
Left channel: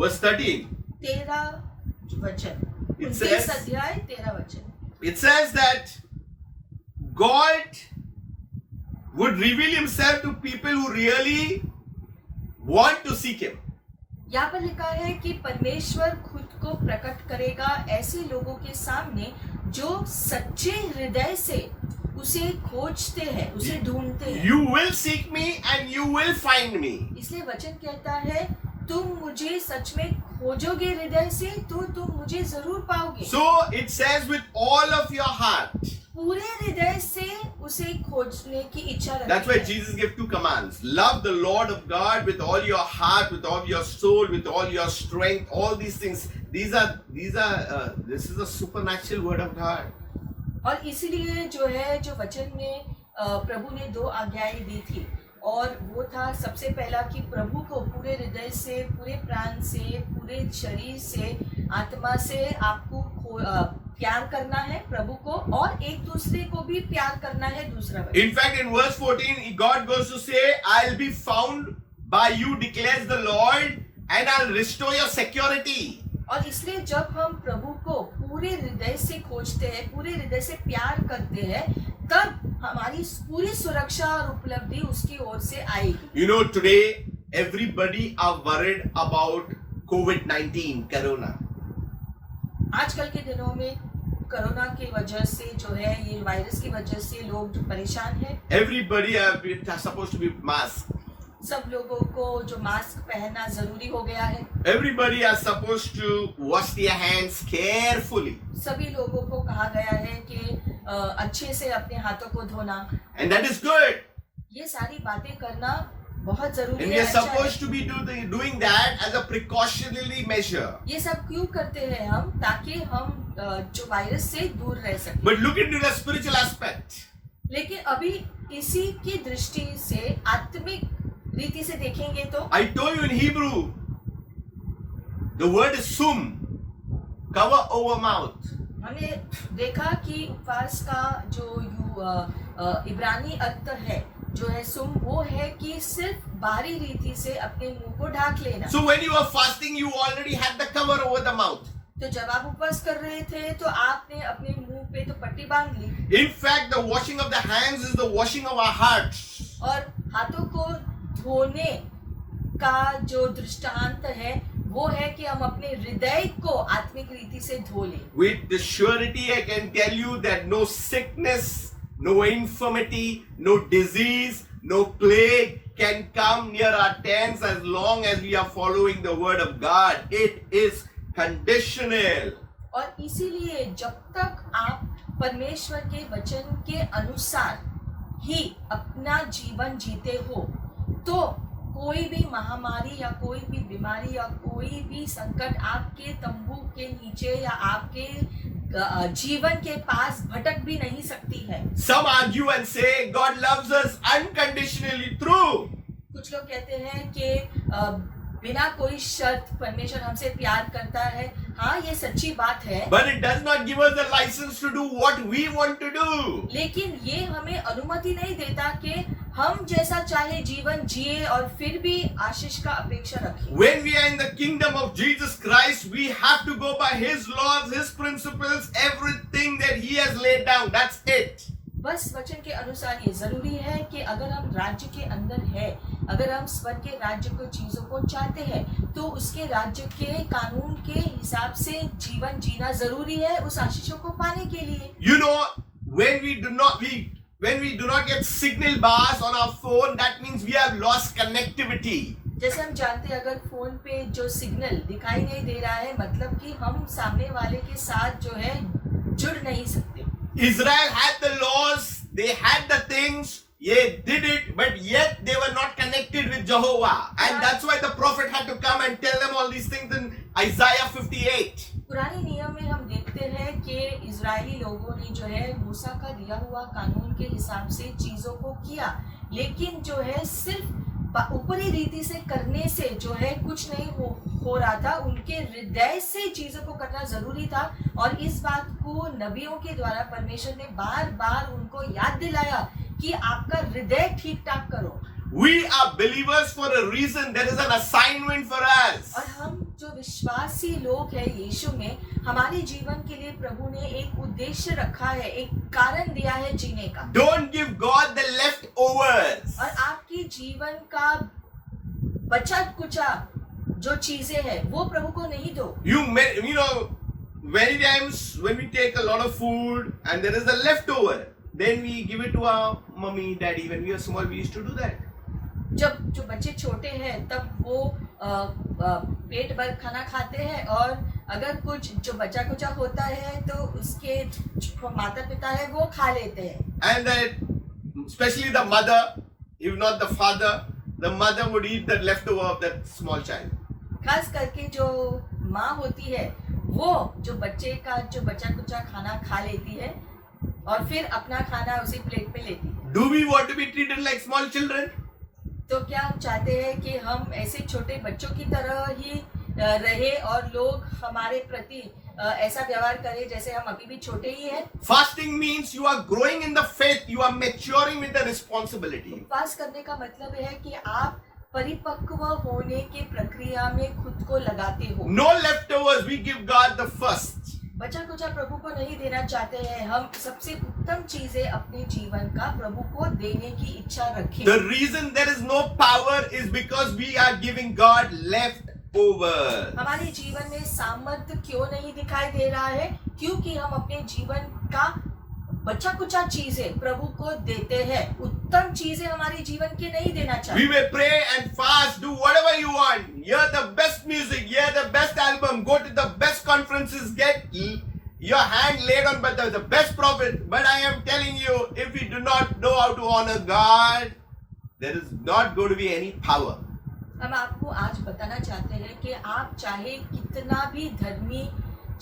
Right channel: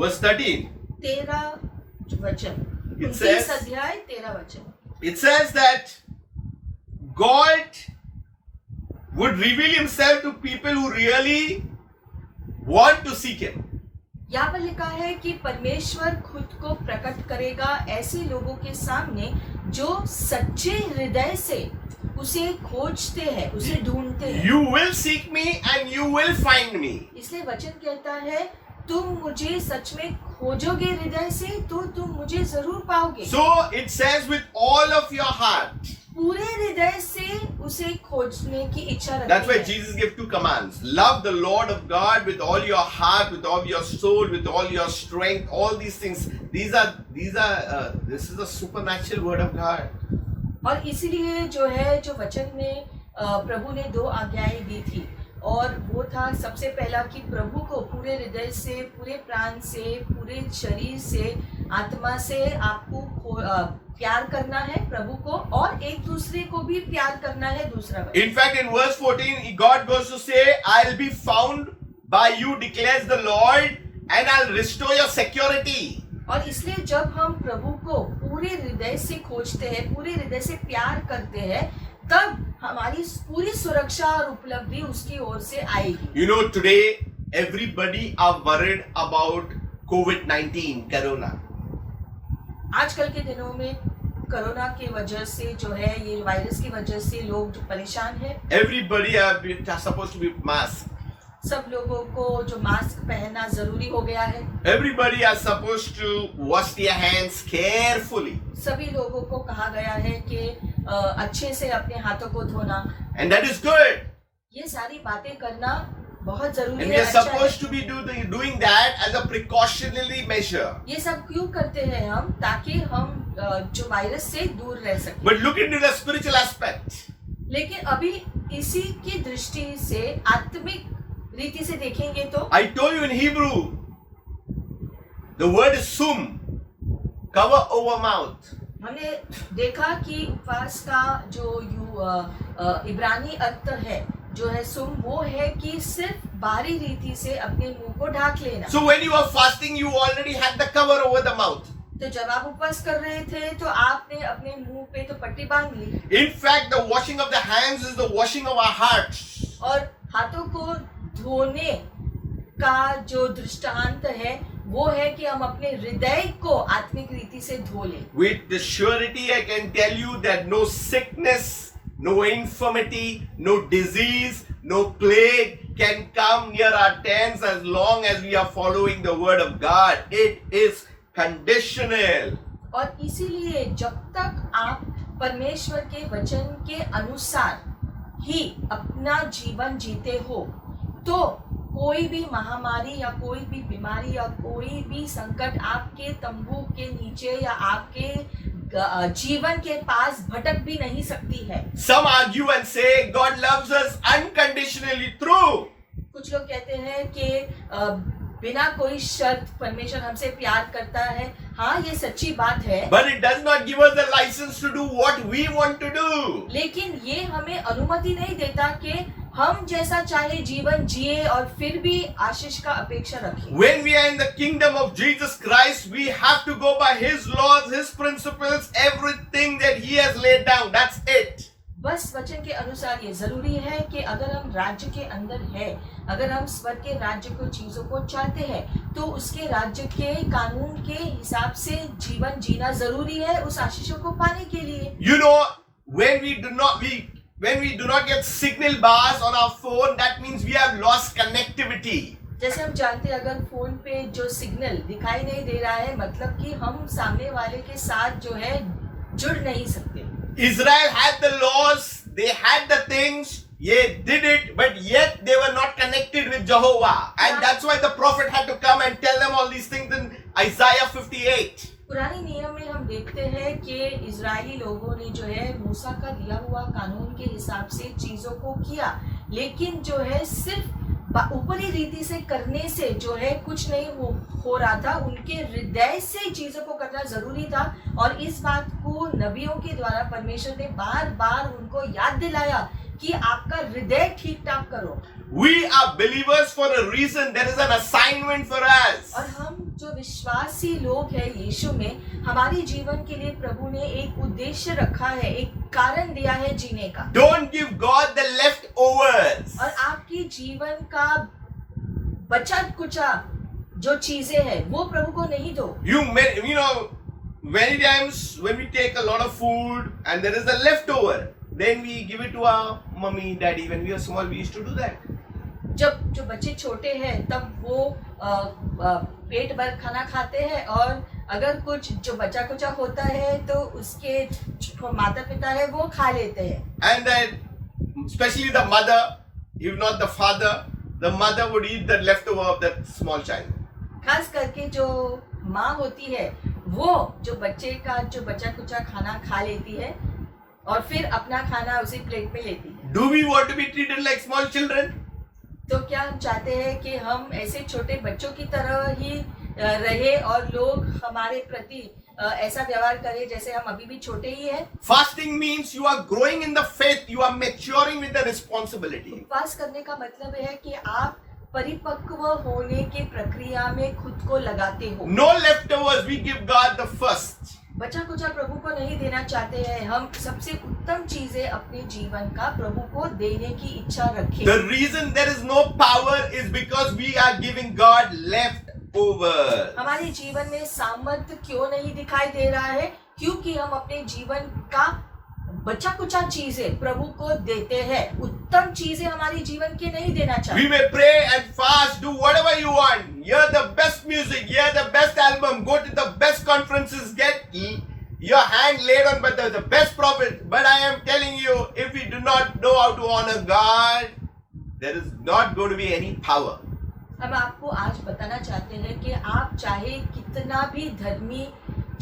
Verse 13. 13 वचन, It 29 says- अध्याय 13 वचन। It says that God would reveal Himself to people who really want to seek Him. यहाँ पर लिखा है कि परमेश्वर खुद को प्रकट करेगा ऐसे लोगों के सामने जो सच्चे हृदय से उसे खोजते हैं, उसे ढूंढते हैं। You will seek me and you will find me. इसलिए वचन कहता है तुम मुझे सच में खोजोगे हृदय से तो तुम मुझे जरूर पाओगे। So it says with all of your heart. पूरे हृदय से उसे खोजने की इच्छा That's why रखते हैं। Jesus gave two commands. Love the Lord of God with all your heart, with all your soul, with all your strength, all these things. This is a supernatural word of God. और इसीलिए जो है जो वचन में प्रभु ने 2 आज्ञाएं दी थी, और वो था सबसे पहला कि प्रभु को पूरे हृदय से, पूरे प्राण से, पूरे शरीर से, आत्मा से आपको प्यार करना है प्रभु को, और एक दूसरे को भी प्यार करना है। दूसरा वचन, In fact, in verse 14, God goes to say, I'll be found by you, declares the Lord, and I'll restore your security. और इसलिए जब हम प्रभु को पूरे हृदय से खोजते हैं, पूरे हृदय से प्यार करते हैं, तब हमारी पूरी सुरक्षा और उपलब्धि उसकी ओर से आएगी। You know, today, everybody are worried about COVID-19, Corona. आजकल के दिनों में कोरोना की वजह से जो है, ये वायरस की वजह से लोग जो परेशान हैं, Everybody are supposed to be masked. सब लोगों को जो मास्क पहनना जरूरी हो गया है। Everybody are supposed to wash their hands carefully. सभी लोगों को कहा गया है कि अच्छे से अपने हाथों को धोना। And that is good. ये सारी बातें करना बहुत जरूरी And है, we are अच्छा supposed है। to be doing that as a precautionary measure. ये सब क्यों करते हैं हम? ताकि हम जो वायरस से दूर रह सकें। But look into the spiritual aspect. लेकिन अभी इसी की दृष्टि से, आत्मिक रीति से देखेंगे तो I told you in Hebrew, the word is sum, cover over mouth. हमने देखा कि उपवास का जो इब्रानी अर्थ है, जो है सुम, वो है कि सिर्फ बाहरी रीति से अपने मुंह को ढाक लेना। So when you are fasting, you already had the cover over the mouth. तो जब आप उपवास कर रहे थे तो आपने अपने मुंह पे तो पट्टी बांध ली, In fact, the washing of the hands is the washing of our hearts. और हाथों को धोने का जो दृष्टांत है वो है कि हम अपने हृदय को आत्मिक रीति से धो लें। With the surety, I can tell you that no sickness, no infirmity, no disease, no plague can come near our tents as long as we are following the word of God. It is conditional. और इसीलिए जब तक आप परमेश्वर के वचन के अनुसार ही अपना जीवन जीते हो, तो कोई भी महामारी या कोई भी बीमारी या कोई भी संकट आपके तंबू के नीचे या आपके जीवन के पास भटक भी नहीं सकती है। Some argue and say God loves us unconditionally. True. कुछ लोग कहते हैं कि बिना कोई शर्त परमेश्वर हमसे प्यार करता है। हाँ, ये सच्ची बात है, But it does not give us the license to do what we want to do. लेकिन ये हमें अनुमति नहीं देता कि हम जैसा चाहे जीवन जिए और फिर भी आशीष का अपेक्षा रखें। When we are in the kingdom of Jesus Christ, we have to go by His laws, His principles, everything that He has laid down. That's it. बस वचन के अनुसार ये जरूरी है कि अगर हम राज्य के अंदर है, अगर हम स्वर्ग के राज्य को चीजों को चाहते हैं, तो उसके राज्य के कानून के हिसाब से जीवन जीना जरूरी है उस आशीषों को पाने के लिए। You know, when we do not get signal bars on our phone, that means we have lost connectivity. जैसे हम जानते हैं, अगर फोन पे जो सिग्नल दिखाई नहीं दे रहा है, मतलब कि हम सामने वाले के साथ जो है जुड़ नहीं सकते। Israel had the laws, they had the things, they did it, but yet they were not connected with Jehovah. And that's why the prophet had to come and tell them all these things in Isaiah 58. पुराने नियम में हम देखते हैं कि Israeli लोगों ने जो है मूसा का दिया हुआ कानून के हिसाब से चीजों को किया, लेकिन जो है सिर्फ ऊपरी रीति से करने से जो है कुछ नहीं हो रहा था। उनके हृदय से चीजों को करना जरूरी था, और इस बात को नबियों के द्वारा परमेश्वर ने बार बार उनको याद दिलाया कि आपका हृदय ठीक ठाक करो। We are believers for a reason. There is an assignment for us. और हम जो विश्वासी लोग हैं यीशु में, हमारे जीवन के लिए प्रभु ने एक उद्देश्य रखा है, एक कारण दिया है जीने का। Don't give God the leftovers. और आपकी जीवन का बचा कुचा जो चीजें हैं वो प्रभु को नहीं दो। You know, many times when we take a lot of food and there is a leftover, then we give it to our mummy, daddy. When we were small, we used to do that. जब जो बच्चे छोटे हैं तब वो पेट भर खाना खाते हैं, और अगर कुछ जो बचा कुचा होता है तो उसके माता पिता है वो खा लेते हैं। And then, especially the mother, if not the father, the mother would eat the leftover of that small child. खास करके जो माँ होती है वो जो बच्चे का जो बचा कुचा खाना खा लेती है और फिर अपना खाना उसी प्लेट में लेती है। Do we want to be treated like small children? तो क्या हम चाहते हैं कि हम ऐसे छोटे बच्चों की तरह ही रहे और लोग हमारे प्रति ऐसा व्यवहार करें जैसे हम अभी भी छोटे ही हैं? Fasting means you are growing in the faith, you are maturing with the responsibility. उपवास करने का मतलब है कि आप परिपक्व होने की प्रक्रिया में खुद को लगाते हो। No leftovers, we give God the first. बचा कुचा प्रभु को नहीं देना चाहते हैं, हम सबसे उत्तम चीजें अपने जीवन का प्रभु को देने की इच्छा रखें। The reason there is no power is because we are giving God leftovers. हमारे जीवन में सामर्थ्य क्यों नहीं दिखाई दे रहा है? क्योंकि हम अपने जीवन का बचा कुचा चीजें प्रभु को देते हैं, उत्तम चीजें हमारे जीवन के नहीं देना We चाहते। may pray and fast, do whatever you want, hear the best music, hear the best album, go to the best conferences, get your hand laid on by the best prophet. But I am telling you, if we do not know how to honor God, there is not going to be any power. हम आपको आज बताना चाहते हैं कि आप चाहे कितना भी धर्मी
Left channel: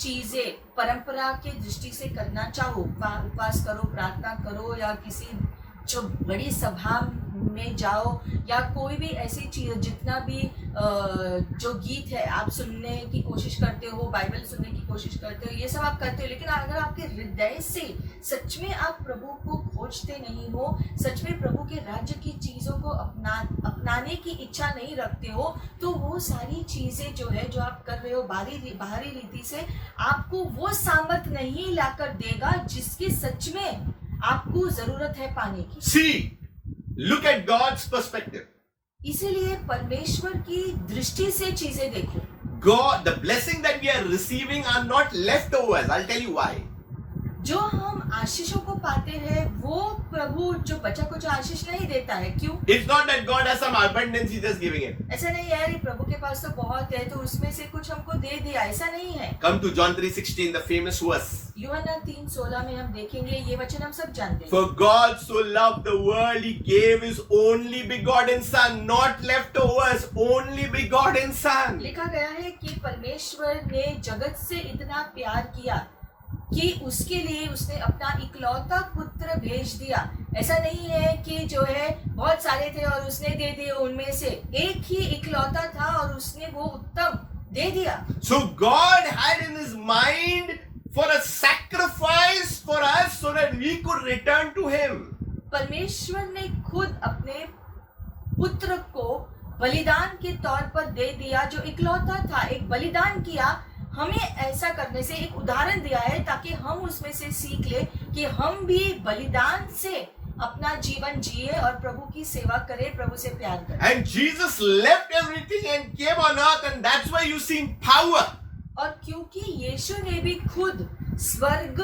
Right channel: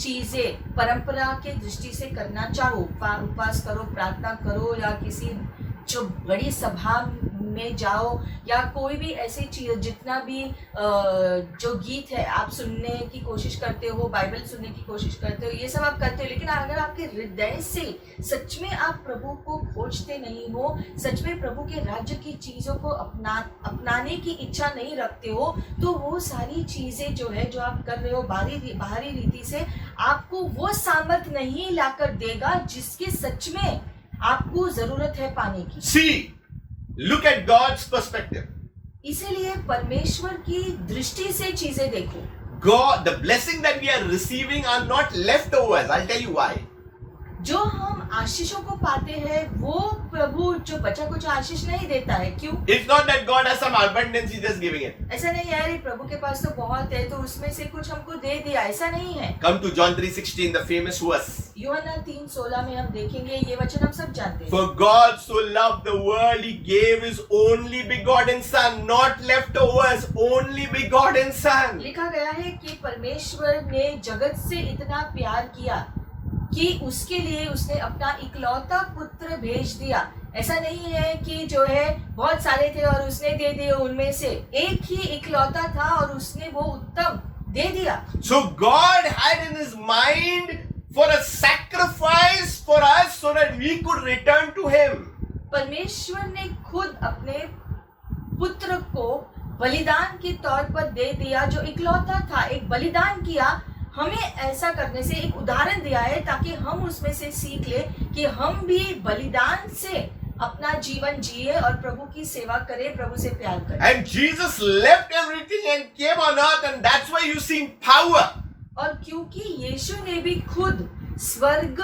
चीजें परंपरा के दृष्टि से करना चाहो, उपवास करो, प्रार्थना करो या किसी जो बड़ी सभा में जाओ या कोई भी ऐसी चीज, जितना भी जो गीत है आप सुनने की कोशिश करते हो, बाइबल सुनने की कोशिश करते हो, ये सब आप करते हो, लेकिन अगर आपके हृदय से सच में आप प्रभु को खोजते नहीं हो, सच में प्रभु के राज्य की चीजों को अपनाने की इच्छा नहीं रखते हो, तो वो सारी चीजें जो है जो आप कर रहे हो बाहरी रीति से आपको वो सामर्थ नहीं लाकर देगा जिसकी सच में आपको जरूरत है पाने की। See, look at God's perspective. इसीलिए परमेश्वर की दृष्टि से चीजें देखो। God, the blessing that we are receiving are not leftovers. I'll tell you why. जो हम आशीषों को पाते हैं वो प्रभु जो बचा कुछ आशीष नहीं देता है। क्यों? It's not that God has some abundance, He's just giving it. ऐसा नहीं है, अरे प्रभु के पास तो बहुत है तो उसमें से कुछ हमको दे दिया, ऐसा नहीं है। Come to John 3:16, the famous verse. यूहन्ना 3:16 में हम देखेंगे, ये वचन हम सब जानते हैं। For God so loved the world, He gave His only begotten Son, not leftovers, only begotten Son. लिखा गया है कि परमेश्वर ने जगत से इतना प्यार किया कि उसके लिए उसने अपना इकलौता पुत्र भेज दिया। ऐसा नहीं है कि जो है बहुत सारे थे और उसने दे दिए, उनमें से एक ही इकलौता था और उसने वो उत्तम दे दिया। So God had in His mind for a sacrifice for us so that we could return to Him. परमेश्वर ने खुद अपने पुत्र को बलिदान के तौर पर दे दिया, जो इकलौता था, एक बलिदान किया। हमें ऐसा करने से एक उदाहरण दिया है ताकि हम उसमें से सीख ले कि हम भी बलिदान से अपना जीवन जिए और प्रभु की सेवा करें, प्रभु से प्यार करें। And Jesus left everything and came on earth, and that's why you see power. और क्योंकि यीशु ने भी खुद स्वर्ग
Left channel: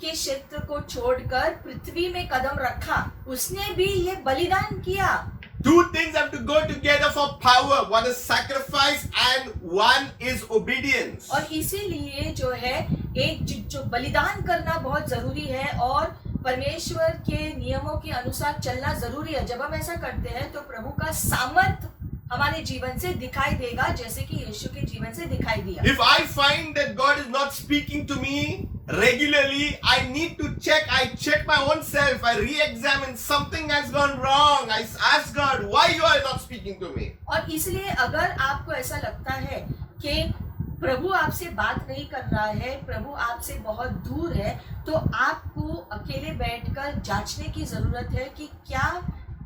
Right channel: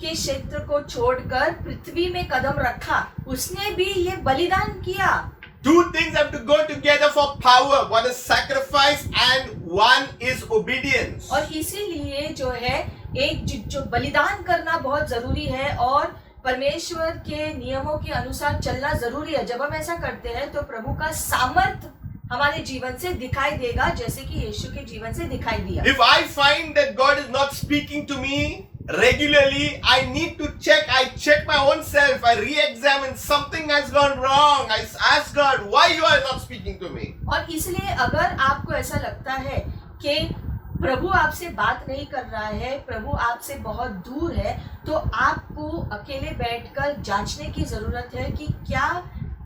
के क्षेत्र को छोड़कर पृथ्वी में कदम रखा, उसने भी ये बलिदान किया। Two things have to go together for power. One is sacrifice and one is obedience. और इसीलिए जो है एक जो बलिदान करना बहुत जरूरी है और परमेश्वर के नियमों के अनुसार चलना जरूरी है। जब हम ऐसा करते हैं तो प्रभु का सामर्थ हमारे जीवन से दिखाई देगा, जैसे कि यीशु के जीवन से दिखाई दिया। If I find that God is not speaking to me regularly, I need to check. I check my own self. I re-examine. Something has gone wrong. I ask God, why you are not speaking to me? और इसलिए अगर आपको ऐसा लगता है कि प्रभु आपसे बात नहीं कर रहा है, प्रभु आपसे बहुत दूर है, तो आपको अकेले बैठकर जांचने की जरूरत है कि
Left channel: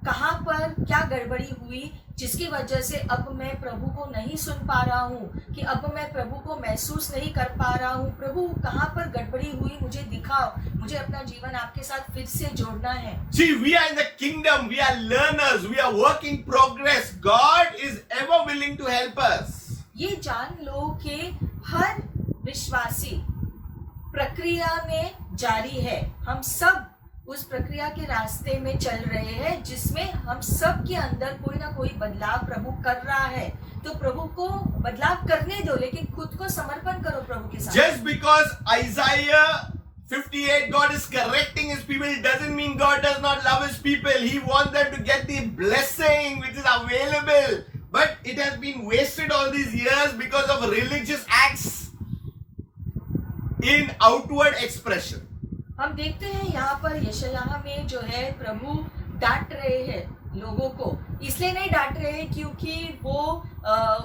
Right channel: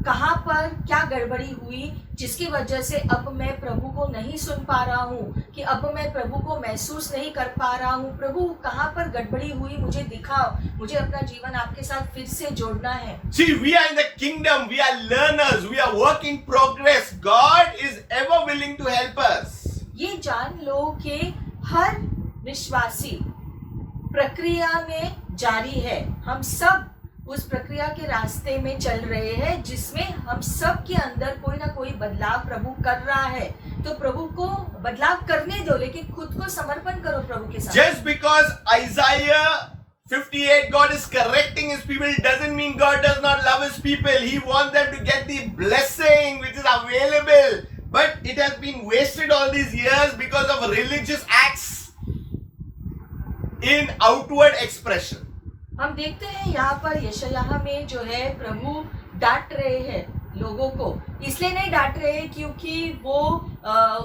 कहाँ पर क्या गड़बड़ी हुई जिसकी वजह से अब मैं प्रभु को नहीं सुन पा रहा हूँ, कि अब मैं प्रभु को महसूस नहीं कर पा रहा हूँ। प्रभु कहाँ पर गड़बड़ी हुई मुझे दिखाओ, मुझे अपना जीवन आपके साथ फिर से जोड़ना है। See, we are in the kingdom. We are learners. We are work in progress. God is ever willing to help us. ये जान लो कि हर विश्वासी प्रक्रिया में जारी है। हम सब उस प्रक्रिया के रास्ते में चल रहे हैं जिसमें हम सब के अंदर कोई ना कोई बदलाव प्रभु कर रहा है। तो प्रभु को बदलाव करने दो, लेकिन खुद को समर्पण करो प्रभु के साथ। Just because Isaiah 58, God is correcting His people, doesn't mean God does not love His people. He wants them to get the blessing which is available. But it has been wasted all these years because of religious acts in outward expression. हम देखते हैं यहाँ पर यशायाह में जो है प्रभु डांट रहे हैं लोगों को इसलिए नहीं डांट रहे हैं क्योंकि वो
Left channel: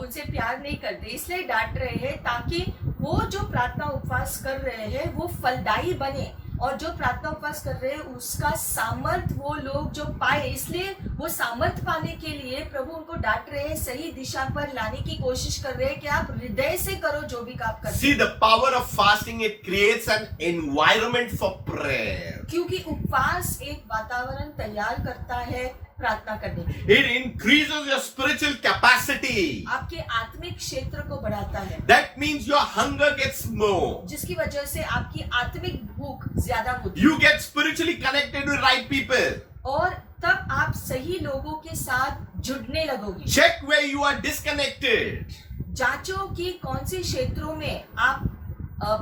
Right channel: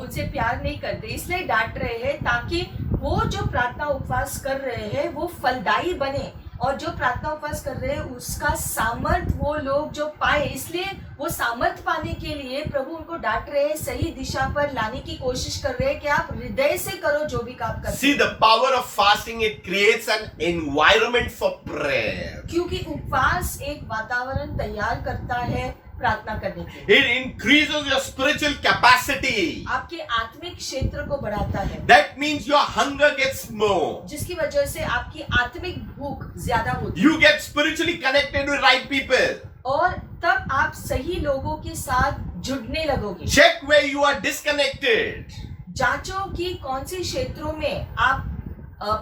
उनसे प्यार नहीं करते, इसलिए डांट रहे हैं ताकि वो जो प्रार्थना उपवास कर रहे हैं वो फलदायी बने, और जो प्रार्थना उपवास कर रहे हैं उसका सामर्थ वो लोग जो पाए। इसलिए वो सामर्थ पाने के लिए प्रभु उनको डांट रहे हैं, सही दिशा पर लाने की कोशिश कर रहे हैं कि आप हृदय से करो जो भी काम करते See, the power of fasting, it creates an environment for prayer. क्योंकि उपवास एक वातावरण तैयार करता है प्रार्थना करने के लिए। It increases your spiritual capacity. आपके आत्मिक क्षेत्र को बढ़ाता है, That means your hunger gets more. जिसकी वजह से आपकी आत्मिक भूख ज्यादा होती है, You get spiritually connected with right people. और तब आप सही लोगों के साथ जुड़ने लगोगे। Check where you are disconnected. जांचो कि कौन से क्षेत्रों में आप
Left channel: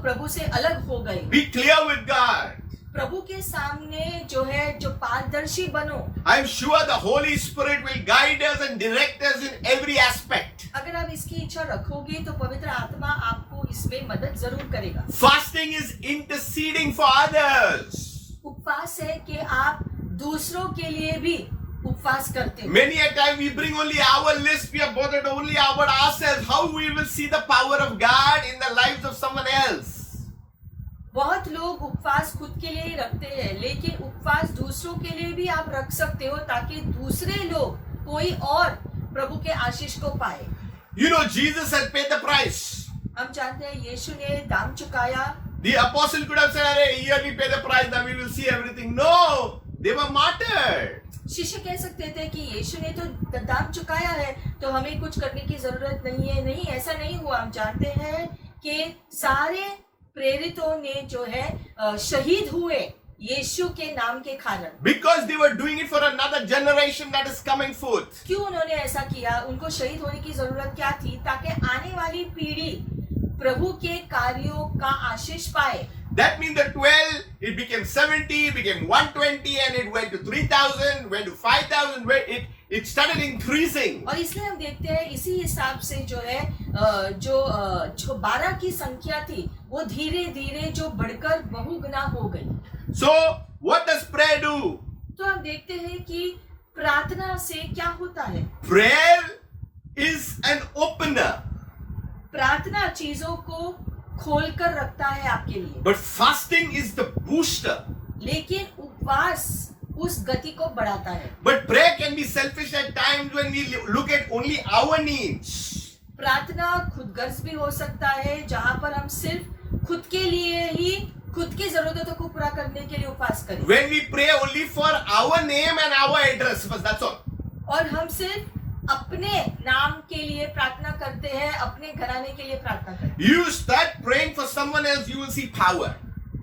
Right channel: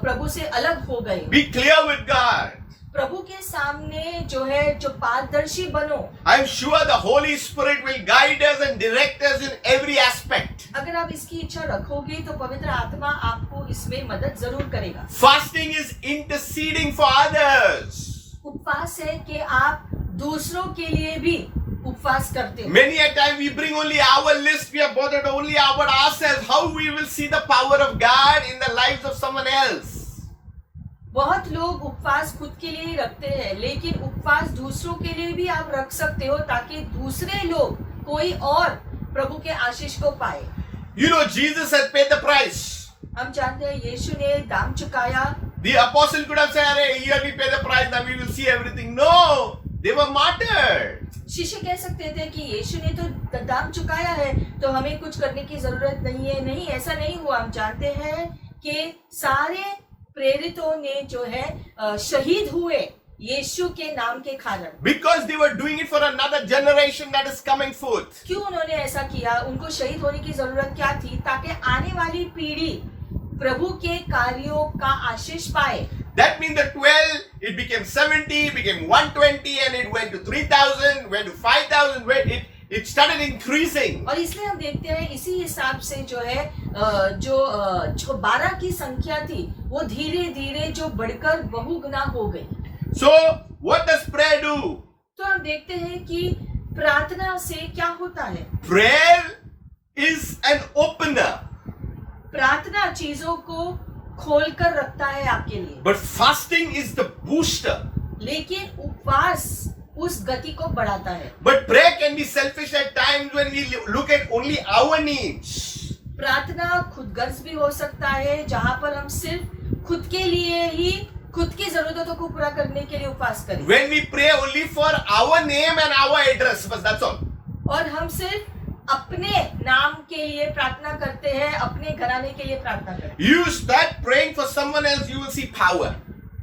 प्रभु से अलग हो गए। Be clear with God. प्रभु के सामने जो है जो पारदर्शी बनो। I'm sure the Holy Spirit will guide us and direct us in every aspect. अगर आप इसकी इच्छा रखोगे तो पवित्र आत्मा आपको इसमें मदद जरूर करेगा। Fasting is interceding for others. उपवास है कि आप दूसरों के लिए भी उपवास करते हो। Many a time we bring only our list, we are bothered only about ourselves. How we will see the power of God in the lives of someone else? बहुत लोग उपवास खुद के लिए ही रखते हैं, लेकिन उपवास दूसरों के लिए भी आप रख सकते हो ताकि दूसरे लोग कोई और प्रभु के आशीष को पाए। You know, Jesus has paid the price. हम जानते हैं यीशु ने दाम चुकाया। The apostle could have said, "Hey, here we pay the price, now we will see everything." No, they were martyred. शिष्य कह सकते थे कि यीशु ने तो दाम चुकाया है तो हमें कुछ करने की जरूरत नहीं है। नहीं, ऐसा नहीं हुआ। हम जानते हैं कि सारे प्रेरितों ने जो है शहीद हुए यीशु के नाम के कारण। Because they were doing it for another generation that is coming forth. क्यों उन्होंने ऐसा किया? उनको शहीद होने की जरूरत क्या थी? ताकि आने वाली पीढ़ी प्रभु के कार्यों का आशीष पाए। That means the 12, it became 70, it became 120, and it went to 3,000, went to 5,000, where it started increasing. और इसलिए हम देखते हैं इसी हिसाब से जो है जो 12 की संख्या थी वो धीरे धीरे जो बढ़कर बहुगुना हो गई। So, what does prayer do? तो हम देखते हैं कि प्रार्थना से क्या होता है। Prayer is an opener. प्रार्थना चीजों को खोलकर रखता है आपके लिए, But fasting is the booster. लेकिन उपवास उस गति को बढ़ाता है। But prayer can be selfish at times when we look at only our needs. प्रार्थना खुदगर्ज भी हो सकता है, जहाँ पर हम सिर्फ खुद के लिए ही खुद की जरूरतों को पूरा करने के लिए उपवास करें। When we pray only for our name and our address, but that's all. और हम सिर्फ अपने नाम के लिए प्रार्थना करते हैं, अपने घराने के लिए प्रार्थना करते हैं। You start praying for someone else, you will see power.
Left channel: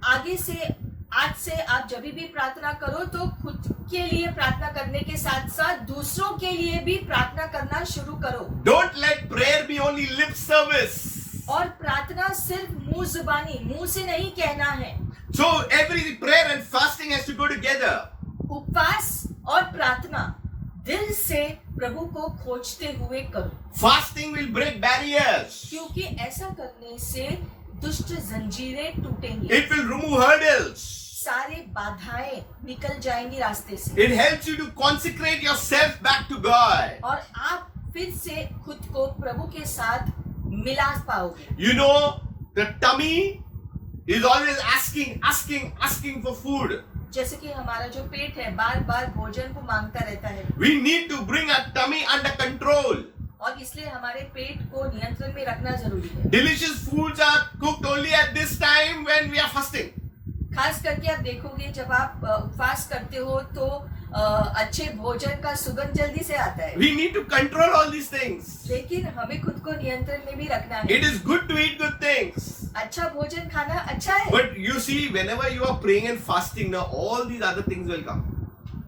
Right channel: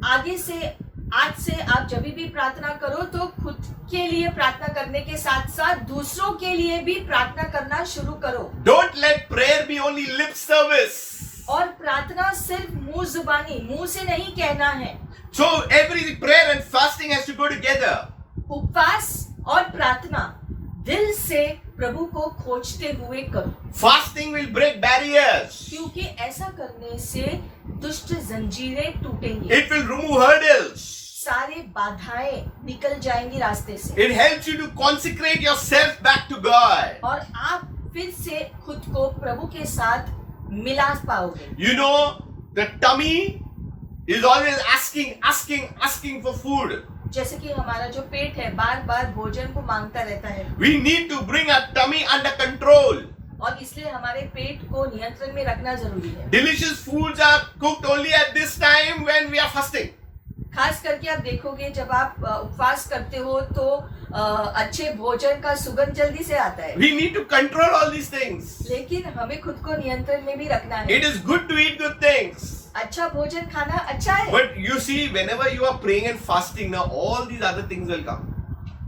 आगे से आज से आप जब भी प्रार्थना करो तो खुद के लिए प्रार्थना करने के साथ साथ दूसरों के लिए भी प्रार्थना करना शुरू करो। Don't let prayer be only lip service. और प्रार्थना सिर्फ मुंह जुबानी, मुंह से नहीं कहना है। So every prayer and fasting has to go together. उपवास और प्रार्थना दिल से प्रभु को खोजते हुए करो, Fasting will break barriers. क्योंकि ऐसा करने से दुष्ट जंजीरें टूटेंगी। It will remove hurdles. सारे बाधाएं निकल जाएंगी रास्ते से। It helps you to consecrate yourself back to God. और आप फिर से खुद को प्रभु के साथ मिला पाओगे। You know, the tummy is always asking for food. जैसे कि हमारा जो पेट है बार बार भोजन को मांगता रहता है, We need to bring our tummy under control. और इसलिए हमारे पेट को नियंत्रण में रखना जरूरी है। Delicious foods are cooked only at this time when we are fasting. खास करके आप देखोगे जब आप उपवास करते हो तो अच्छे भोजन का सुगंध जल्दी से आता है। We need to control all these things. लेकिन हमें खुद को नियंत्रण में भी रखना है। It is good to eat good things. अच्छा भोजन खाना अच्छा है, But you see, whenever you are praying and fasting, now all these other things will come.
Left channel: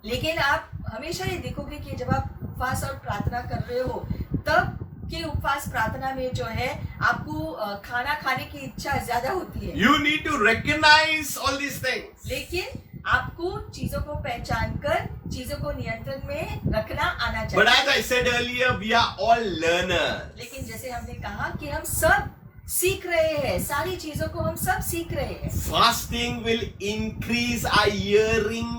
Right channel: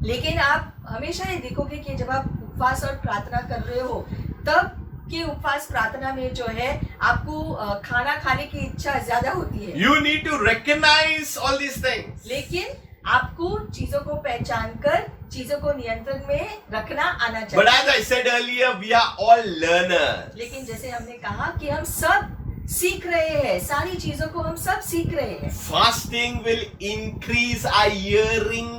लेकिन आप हमेशा ये देखोगे कि जब आप उपवास और प्रार्थना कर रहे हो तब के उपवास प्रार्थना में जो है आपको खाना खाने की इच्छा ज्यादा होती है। You need to recognize all these things. लेकिन आपको चीजों को पहचान कर चीजों को नियंत्रण में रखना आना But चाहिए। as I said earlier, we are all learners. लेकिन जैसे हमने कहा कि हम सब सीख रहे हैं, सारी चीजों को हम सब सीख रहे हैं। Fasting will increase our hearing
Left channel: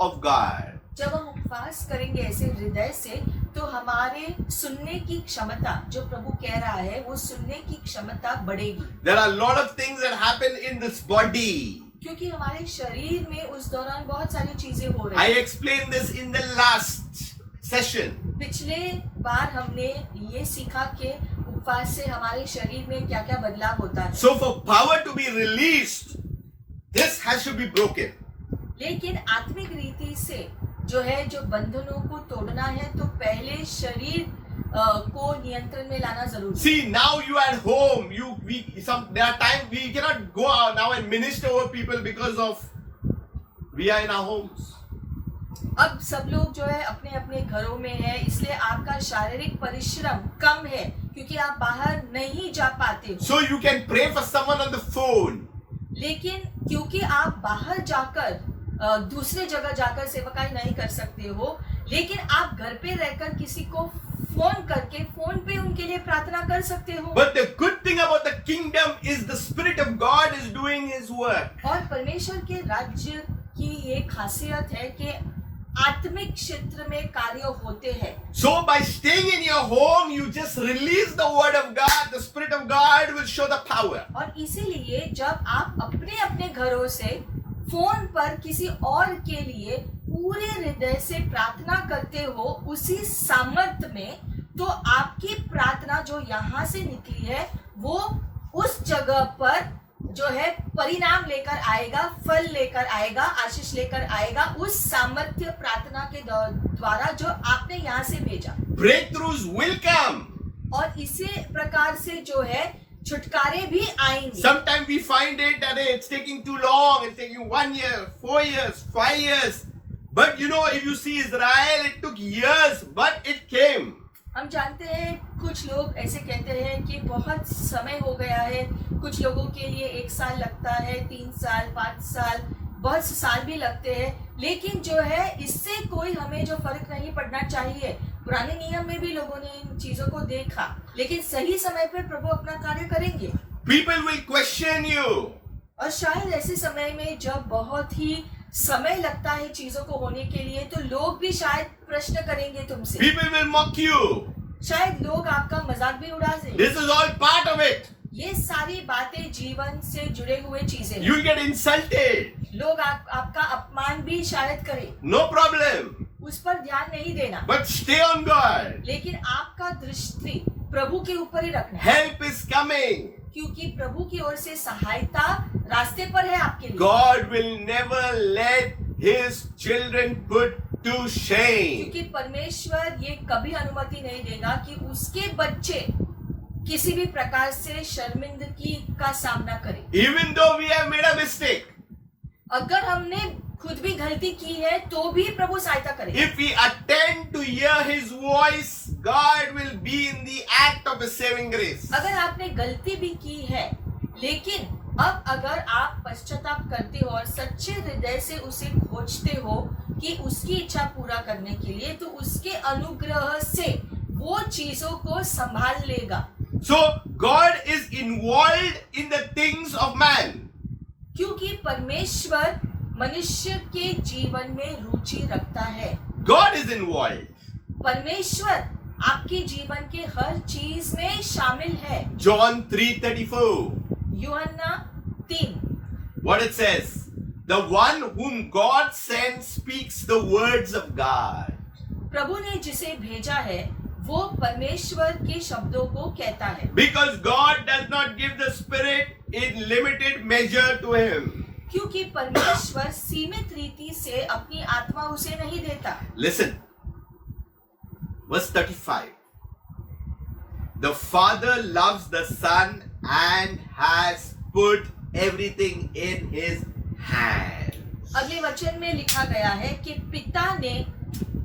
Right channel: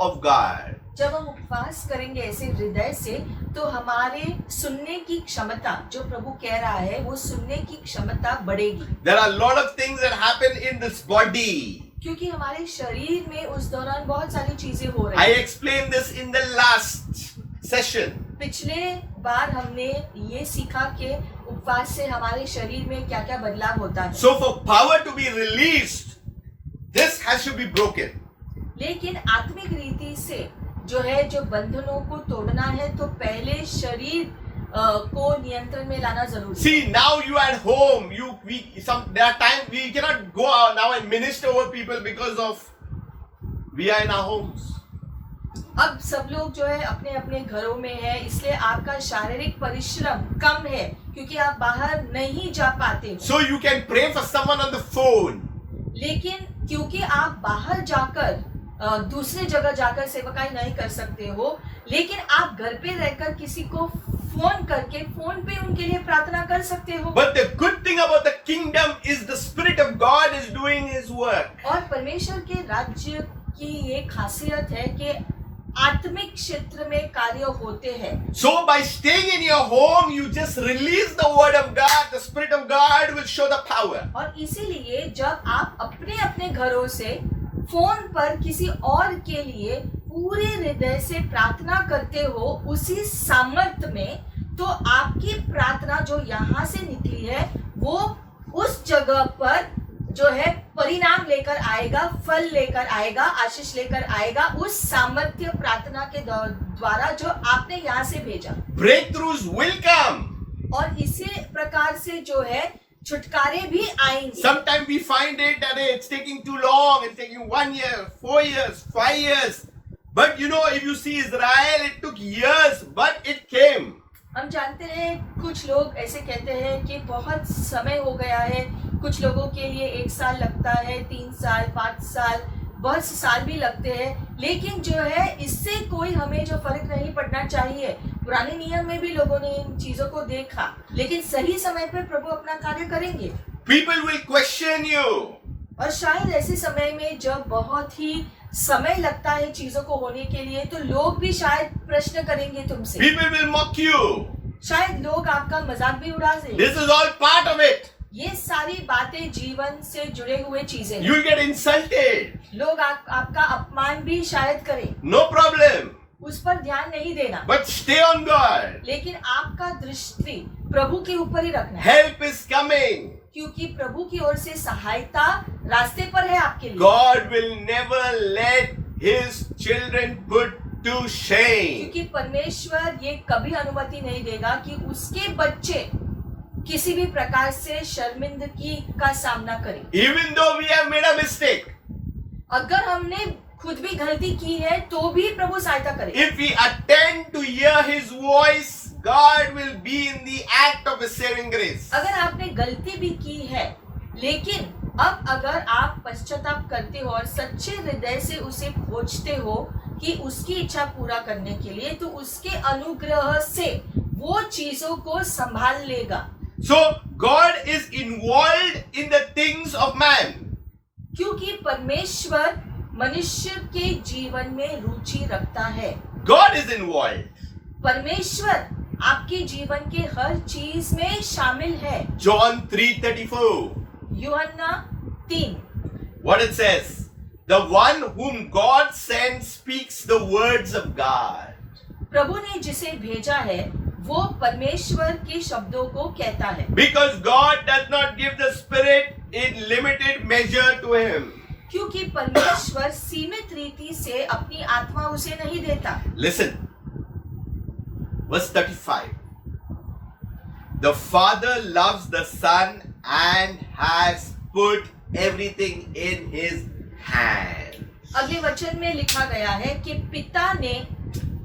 of God. जब हम उपवास करेंगे ऐसे हृदय से, तो हमारे सुनने की क्षमता, जो प्रभु कह रहा है, वो सुनने की क्षमता बढ़ेगी। There are a lot of things that happen in this body. क्योंकि हमारे शरीर में उस दौरान बहुत सारी चीजें हो I रही हैं। explained this in the last session. पिछले बार हमने ये सीखा कि उपवास से हमारे शरीर में क्या क्या बदलाव होता है। So for power to be released, this has to be broken. लेकिन आत्मिक रीति से जो है, जो बंधनों को तोड़ना है, तो पहले शरीर को नियंत्रण में लाना जरूरी है। See, now you are at home. There are times we cannot go out now and minister over people because of we are in our homes. अब सब लोग जो है अपने अपने घरों में है, इसलिए आपका शारीरिक परिश्रम कम है, क्योंकि आप बाहर नहीं जा पाते हो। So you can pray for someone on the phone. लेकिन क्योंकि आप बाहर जाकर दूसरे जगह जाकर सेवकाई नहीं कर सकते हो, लेकिन आप घर पे रहकर किसी को फोन करके फोन पे उनके लिए प्रार्थना कर सकते हो। But the good thing about the kingdom is the Spirit of God is doing His work. और परमेश्वर के राज्य की ये खासियत है कि आत्मिक क्षेत्र में कार्य होते हैं। So by staying in your home, you just release the word of God. The Spirit of God will show the power. और इसीलिए जब आप अपने अपने घरों से फोन पर किसी और के लिए पूरे हृदय से प्रार्थना करते हो, उसी सामर्थ्य में, तो आपकी प्रार्थना जो यहाँ से निकली है, वो उस जगह पर जो है परिणाम लेकर आएगा, फल लेकर आएगा, आशीष लेकर आएगा, उस सामर्थ्य प्रार्थना के द्वारा जो आपने यहाँ से भेजा। Breakthroughs will come. और इसी प्रकार से जो है छुटकारे भी आएंगे। Sometimes we find it that it's taking too long. It's taking 1 year, 4 years, 5 years. But you know, if you see Israel, it took years, but it came. हम जानते हैं कुछ लोग ऐसे कहते हैं कि बहुत समय हो गया है, कुछ लोगों के लिए 1 साल लगता है, 3 साल, 5 साल, बहुत से साल भी लगते हैं, लेकिन जो है इससे कोई हमें जो फर्क नहीं पड़ना चाहिए। पुराने नियम में भी लोगों ने इन चीजों को देखा, लेकिन सही समय पे प्रभु अपना कार्य करेंगे। People will question you. और शायद ऐसे समय में जब बहुत ही समय लगता है चीजों को होने के लिए, तो लोग भी शायद प्रश्न करेंगे तुमसे। People will mock you. शायद लोग आपका मजाक भी उड़ा देंगे। This is all part of it. ये सारी बातें जीवन से जुड़े हुए चीजें हैं। You will get insulted. लोग आपका अपमान भी शायद करें, No problem. उस पर ध्यान नहीं देना, But stay on God. लेकिन आपका दृष्टि प्रभु के ऊपर ही रखना है, Help is coming. क्योंकि प्रभु की ओर से सहायता रास्ते पर है आपके लिए। God will never let His children put to shame. क्योंकि परमेश्वर ये कभी अनुमति नहीं देगा कि उसके बच्चे किसी भी प्रकार से शर्मिंदगी का सामना करें। Even though we have made a mistake, अगर हमने खुद भी गलती की है, तो भी प्रभु सहायता करेगा। if we attend to hear His voice, God will be in the act of His saving grace. अगर आपने गलती भी की है, लेकिन अब अगर आप पश्चाताप करते हो और सच्चे हृदय से उसे खोजते हो कि उसकी इच्छा पूरा करने के लिए, तो उसके अनुग्रह से वो चीजों को संभाल लेगा। So God is involved in the things of man. क्योंकि परमेश्वर मनुष्य के जीवन में रुचि रखता है। God is involved. परमेश्वर आपके जीवन के हर चीज में शामिल है। John 3:34. यूहन्ना 3। What it says? The one whom God sends speaks the words of God. प्रभु ने जिसे भेजा है, वो परमेश्वर के शब्दों को कहता है। Because God does not give the Spirit in limited measure to him. क्योंकि परमेश्वर सीमित रीति से अपनी आत्मा उसे नहीं देता। Listen. Verse 35. The Father loves the Son and has put everything in His hands. अगले वचन में लिखा गया है कि पिता ने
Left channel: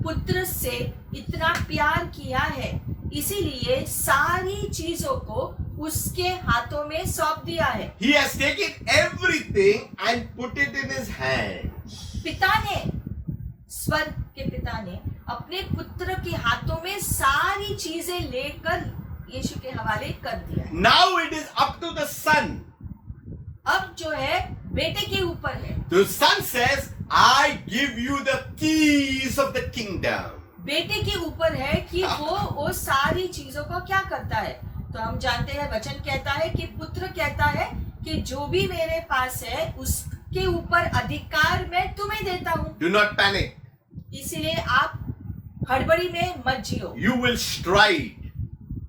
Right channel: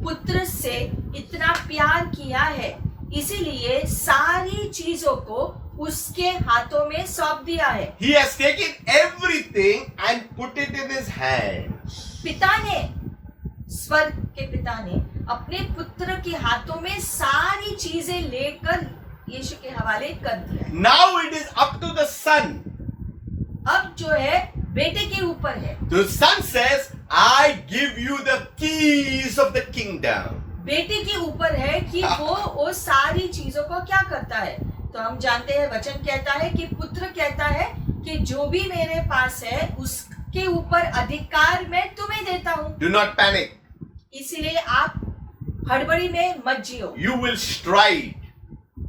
पुत्र से इतना प्यार किया है, इसीलिए सारी चीजों को उसके हाथों में सौंप दिया है। He has taken everything and put it in His hands. पिता ने, स्वर्ग के पिता ने अपने पुत्र के हाथों में सारी चीजें लेकर यीशु के हवाले कर दिया है। Now it is up to the Son. अब जो है बेटे के ऊपर है। The Son says, I give you the keys of the kingdom. बेटे के ऊपर है कि वो सारी चीजों को क्या करता है। तो हम जानते हैं वचन कहता है कि पुत्र कहता है कि जो भी मेरे पास है उसके ऊपर अधिकार मैं तुम्हें देता हूँ। Do not panic. इसीलिए आप हड़बड़ी में मत जियो, You will stride.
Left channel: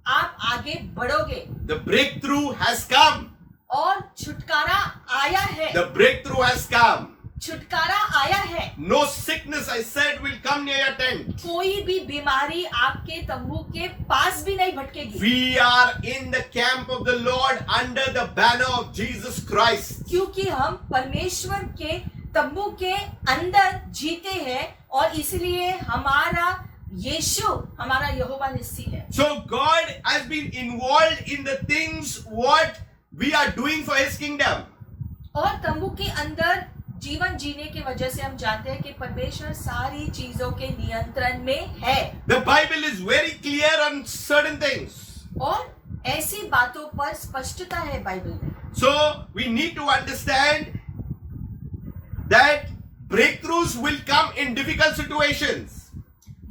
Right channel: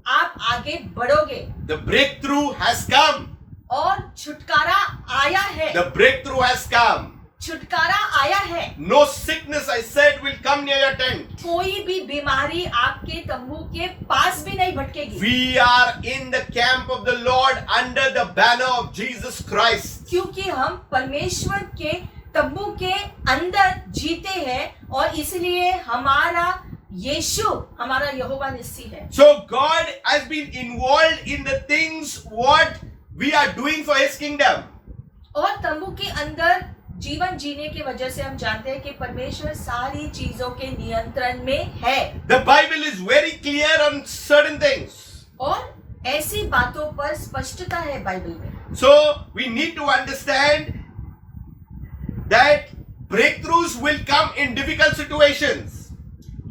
आप आगे बढ़ोगे The breakthrough has come. और छुटकारा आया है। The breakthrough has come. छुटकारा आया है। No sickness, I said, will come near your tent. कोई भी बीमारी आपके तंबू के पास भी नहीं भटकेगी। We are in the camp of the Lord under the banner of Jesus Christ. क्योंकि हम परमेश्वर के तंबू के अंदर जीते हैं और इसलिए हमारा यीशु हमारा यहोवा निस्सी है। So God has been involved in the things what we are doing for His kingdom. और तंबू के अंदर जीवन जीने की वजह से हम जानते हैं कि परमेश्वर सारी चीजों के नियंत्रण में है। The Bible is very clear on certain things. और ऐसी बातों पर स्पष्टता है बाइबल में। So we need to understand that breakthroughs will come in difficult situations.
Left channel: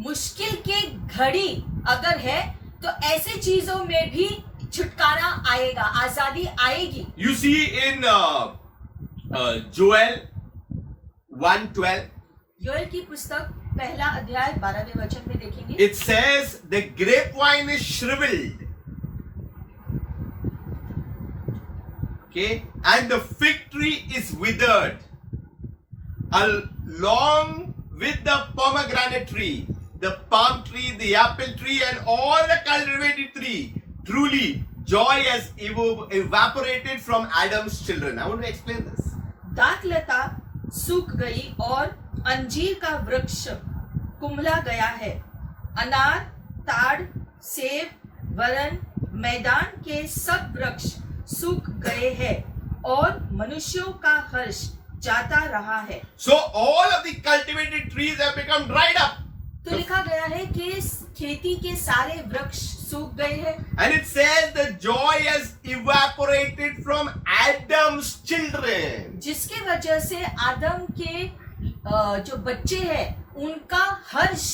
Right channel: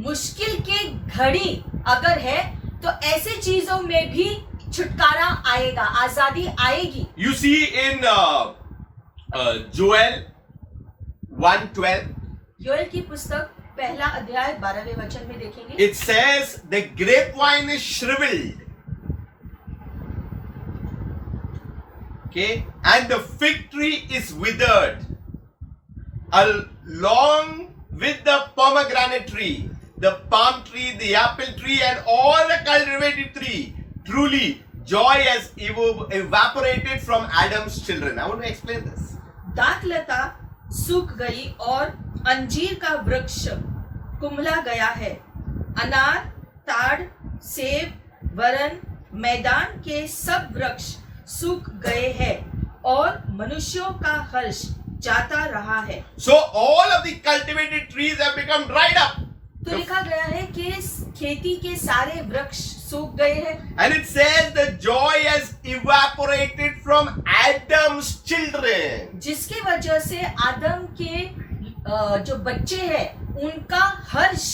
मुश्किल के घड़ी अगर है तो ऐसी चीजों में भी छुटकारा आएगा, आजादी आएगी। You see in Joel 1:12, Joel की पुस्तक पहला अध्याय 12वें वचन में देखेंगे। it says the grapevine is shriveled, okay, and the fig tree is withered, along with the pomegranate tree, the palm tree, the apple tree, and all the cultivated tree. Truly, joy has evaporated from Adam's children. I want to explain this. दाखलता सूख गई और अंजीर का वृक्ष कुम्हला गया है। अनार, ताड़, सेब, वरन मैदान के सब वृक्ष सूख गए हैं और मनुष्यों का हर्ष जाता रहा है। So all of the cultivated trees have become dried up. तो लिखा गया है कि खेती के सारे वृक्ष सूख गए हैं। And it says the joy has evaporated from Adam's children. जिसके वजह से आदम के जो बच्चे हैं उनका हर्ष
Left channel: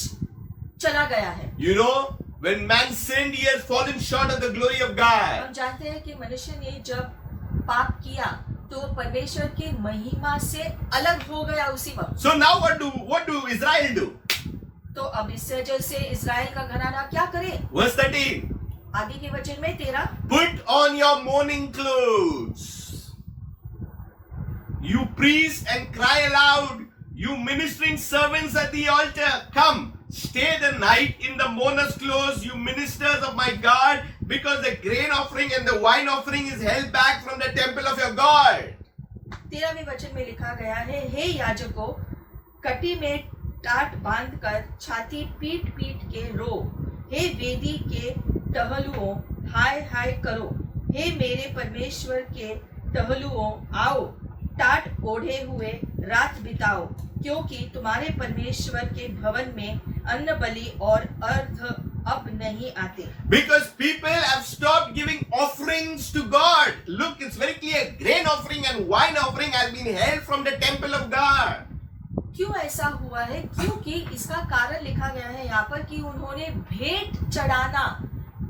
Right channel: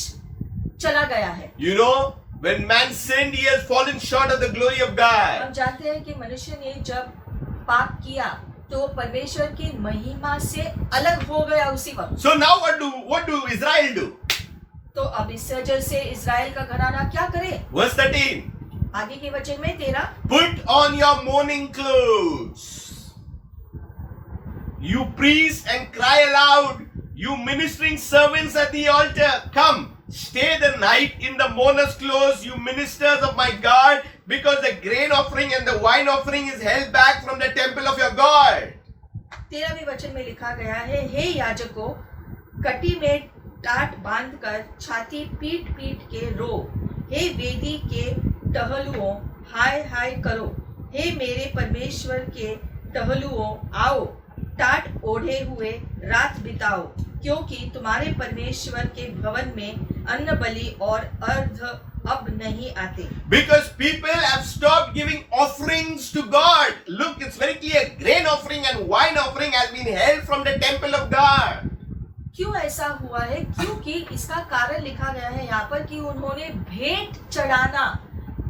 चला गया है। You know, when man sinned, he has fallen short of the glory of हम God. जानते हैं कि मनुष्य ने जब पाप किया तो परमेश्वर की महिमा से अलग हो गया उसी वक्त। So now what do Israel do? तो अब इस वजह से इस्राएल का घराना क्या करे? Verse 13. आगे के वचन में 13, Put on your mourning clothes, you priests, and cry aloud, you ministering servants at the altar. Come, stay the night in the mourner's clothes, you ministers of my God, because the grain offering and the wine offering is held back from the temple of your God. 13वें वचन में लिखा गया है, हे याजकों, कटी में टाट बांधकर छाती पीट पीट के रो, हे वेदी के टहलुओं हाय हाय करो, हे मेरे परमेश्वर के टहलुओं आओ, टाट ओढ़े हुए रात बिताओ, क्योंकि तुम्हारे परमेश्वर के भवन में अन्न बलि और अर्घ अब नहीं आते। Because people have stopped giving offerings to God. Look, it's very clear. Grain offering and wine offering has been held from the temple of God. क्यों ऐसा हुआ है? क्योंकि इसका कारण लिखा गया है यहाँ पर कि उन्होंने भेंट चढ़ाना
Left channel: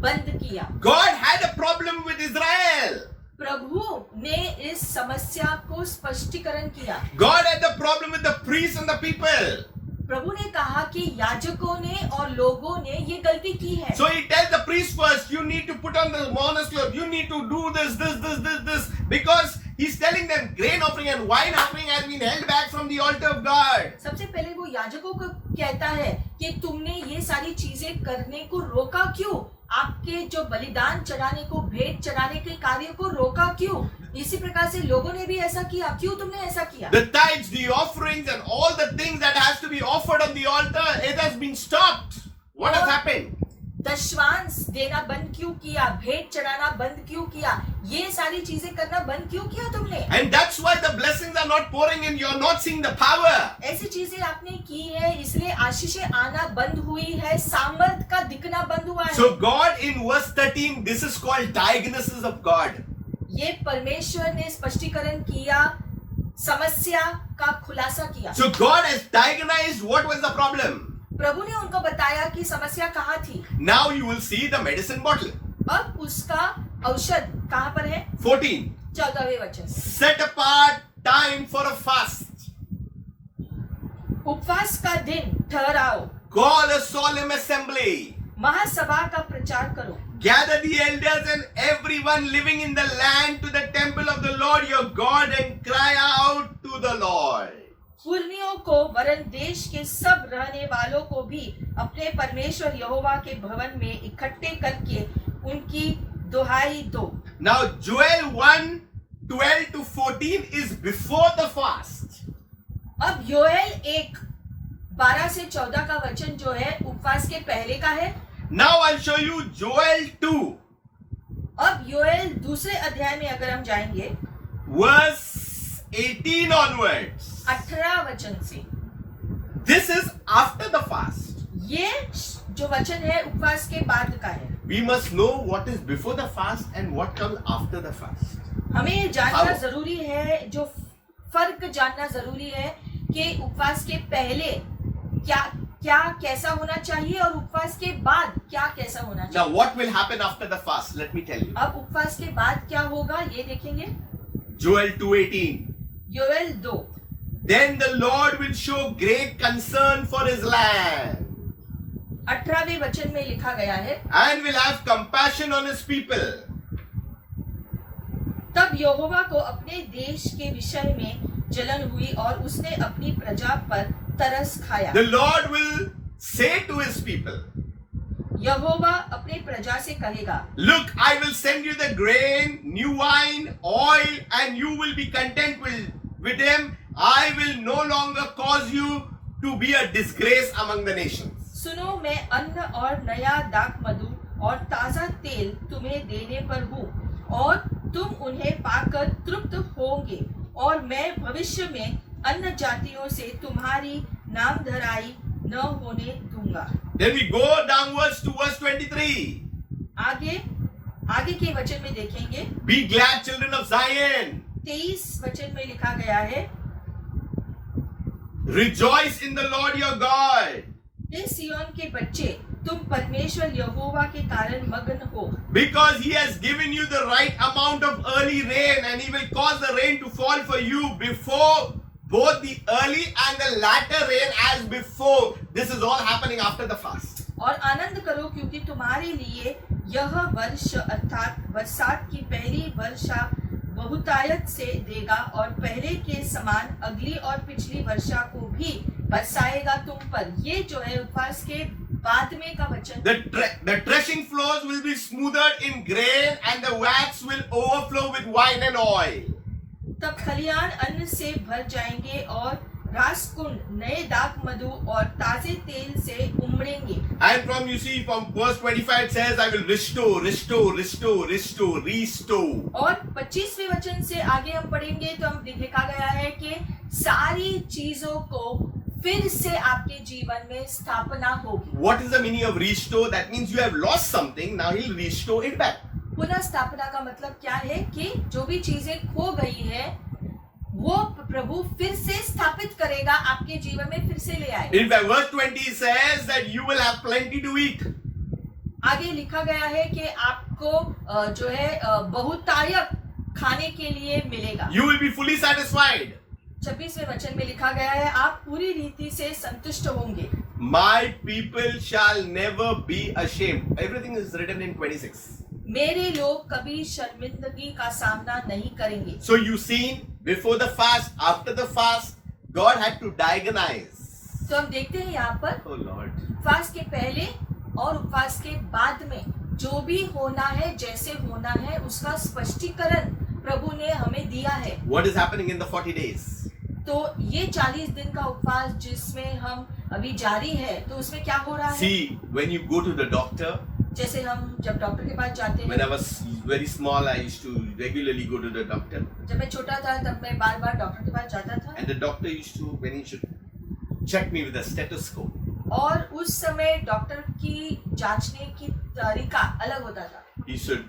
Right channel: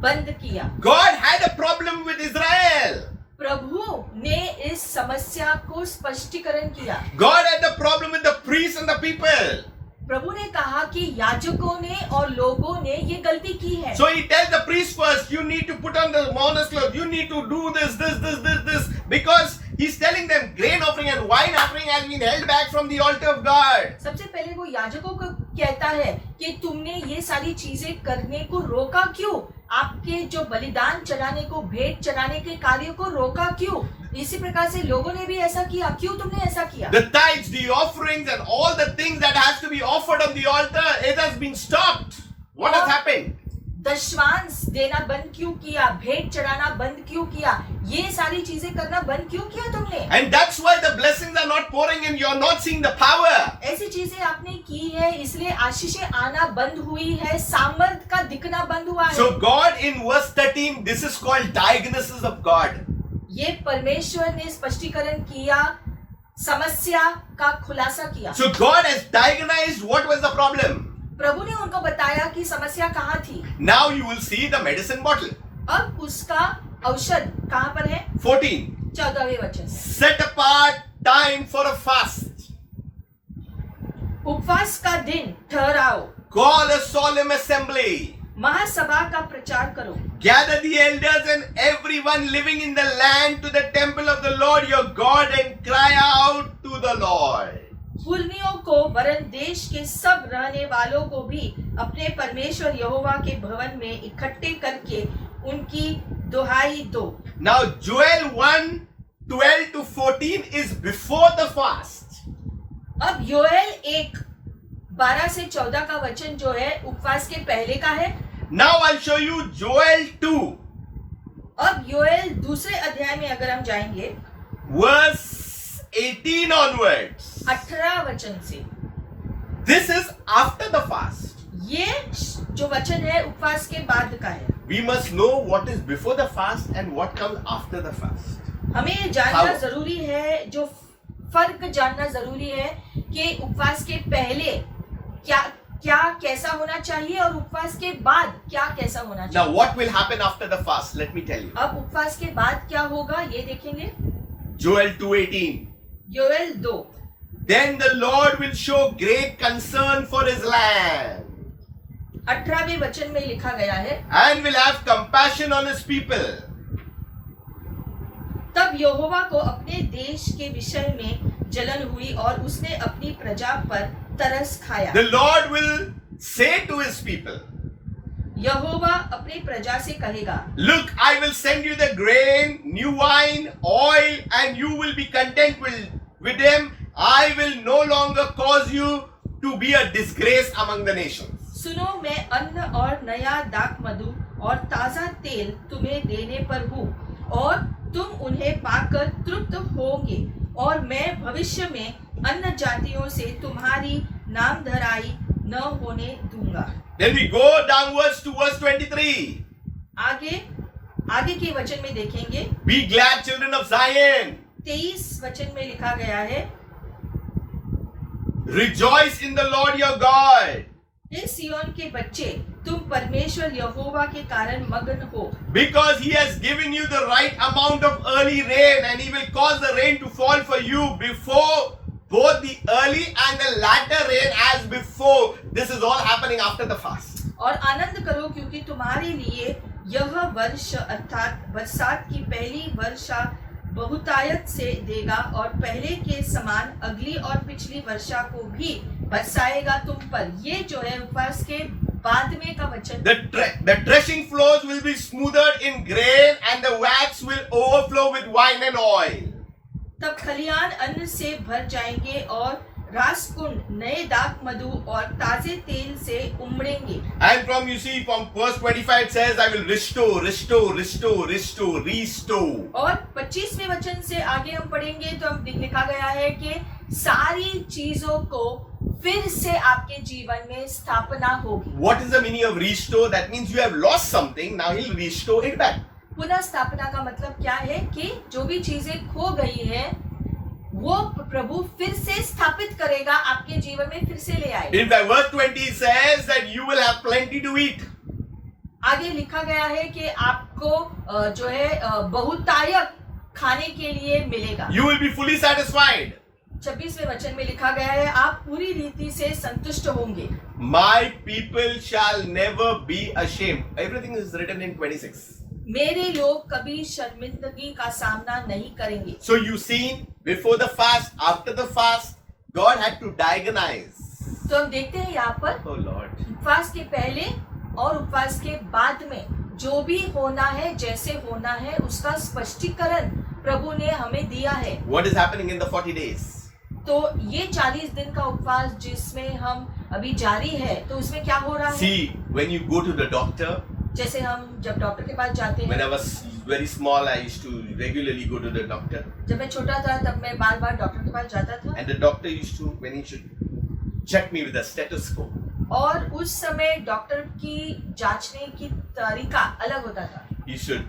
बंद किया। God had a problem with Israel. प्रभु ने इस समस्या को स्पष्टीकरण किया। God had the problem with the priests and the people. प्रभु ने कहा कि याजकों ने और लोगों ने ये गलती की है। So he tells the priest first, you need to put on the mourner's clothes, you need to do this, because he's telling them grain offering and wine offering has been held back from the altar of God. सबसे पहले वो याजकों को कहता है कि तुमने ये सारी चीजें करने को रोका क्यों? आपके जो बलिदान चढ़ाने को, भेंट चढ़ाने के कार्य को रोका क्यों? इसी प्रकार से लोगों ने भी ऐसा किया। क्यों तुमने ऐसा किया? The tithes, the offerings, and all the things that has to be offered on the altar, it has been stopped. What has happened? दशवांश देना बंद क्यों किया? भेंट चढ़ाना बंद क्यों किया? ये सारी चीजें करना बंद क्यों किया तुमने? And that's why the blessings are not pouring in. You're not seeing the power. ऐसी चीजें आपने की है, इसलिए आशीषें आना बंद हुई है, सामर्थ का दिखना बंद हुआ है। So God in verse 13, this is called diagnosis of God. ये परमेश्वर ने स्पष्टीकरण किया समस्या का खुलासा किया। So God has diagnosed what was the problem. प्रभु ने उनको बताया कि समस्या कहाँ थी। Now you will see the medicine bottle. अब उसका औषध कहाँ पर है? 14. 14वें वचन। Set apart time for a fast. उपवास का दिन ठहराओ, Call a solemn assembly. महासभा का प्रचार करो, Gather the elders and everyone living in the land to the temple of the Lord your God and cry out to the Lord. पुरनियों को वरन देश के सब रहने वालों को भी अपने परमेश्वर यहोवा के भवन में इकट्ठे करके उनकी दुहाई दो। Now Joel 1:12 to 14 is before the fast. अब योएल 1:12 से 14 का वचन जो है उपवास के पहले का है। Now I'll show you Joel 2 अब योएल दूसरे अध्याय में अगर हम जाएंगे verse 18 onwards. 18 वचन से, This is after the fast. ये जो वचन है उपवास के बाद का है। We must know what is before the fast and what comes after the fast. हमें ये जानना How? जरूरी है, जो फर्क जानना जरूरी है कि उपवास के पहले क्या क्या कैसा होना चाहिए और उपवास के बाद क्या कैसा होना Now चाहिए। what will happen after the fast? Let me tell you. अब उपवास के बाद क्या होगा ये देखेंगे। Joel 2:18. Joel 2। Then the Lord will show great concern for his land 18वें वचन में लिखा गया है, and will have compassion on his people. तब यहोवा को अपने देश के विषय में जलन हुई और उसने अपनी प्रजा पर तरस खाया। The Lord will say to his people, यहोवा अपने प्रजा से कहेगा, Look, I will send you the grain, new wine, oil, and you will be content with them. I will no longer cause you to be a disgrace among the nations. सुनो, मैं अन्न और नया दाख मधु और ताजा तेल तुम्हें देने पर हूँ और तुम उन्हें पाकर तृप्त होंगे और मैं भविष्य में अन्य जातियों से तुम्हारी नामधराई न होने दूंगा। Then we go downwards to verse 23. आगे के वचन में देखेंगे, Be glad, children of Zion. 23 वचन में लिखा गया है, Rejoice in the Lord your God, हे सिय्योन के बच्चे, तुम परमेश्वर यहोवा के कारण मगन हो, because he has given you the right amount of early rain, and he will cause the rain to fall for you before both the early and the latter rain as before. This is all happening after the fast. और आनंद करो क्योंकि तुम्हारे लिए यह वर्ष अर्थात बरसात की पहली वर्षा बहुतायत से देगा और पहले के समान अगली और पिछली वर्षा को भी बरसाएगा तुम पर। ये जो है उपवास के बाद में का वचन। The threshing floors will be smoothed in grain, and the vats will overflow with wine and oil. तब खलियान अन्न से भर जाएंगे और रासकुंड नए दाख मधु और ताजे तेल से उमड़ेंगे। And from verse 25 it says, I will restore, restore, restore, restore, restore. और 25वें वचन से आगे हम पढ़ेंगे तो हम लिखा गया है कि सारी चीजों को फिर से आपके जीवन में स्थापना होगी। What is the meaning of restore? That means you have lost something, now he'll restore it back. पुनः स्थापना का मतलब क्या है कि जो भी चीजें खो गई है वो प्रभु फिर से स्थापित करेगा, आपके जीवन में फिर से ले आएगा। In fact, verse 20 says that you will have plenty to eat. आगे लिखा गया है कि आपको जो है बहुतायत खाने के लिए मिलेगा। You will be fully satisfied. 26वें वचन में लिखा गया है, आप पूरी रीति से संतुष्ट होंगे। My people shall never be ashamed. Everything is written in 26. मेरे लोग कभी शर्मिंदगी का सामना नहीं करेंगे। So you see, before the fast, after the fast, God had to diagnose. तो हम देखते हैं यहाँ पर Oh Lord. उपवास के पहले और उपवास के बाद में जो भी होना है, जैसे होना है, उसका स्पष्टीकरण प्रभु ने हमें दिया है। What is happening in the 40 days? तो ये 40 दिन का उपवास जिसमें हम अभी जारी है, तो उसमें क्या हो रहा है? See, when you go to the doctor, जैसे हम जब डॉक्टर के पास जाते when I हैं, was very small, I used to regularly go to the doctor. जब मैं छोटा था तब मैं बार बार डॉक्टर के पास जाता था And the doctor used to, when he should check me with a stethoscope, और उस समय डॉक्टर की जांचने की तरीका अलग होता था। he should,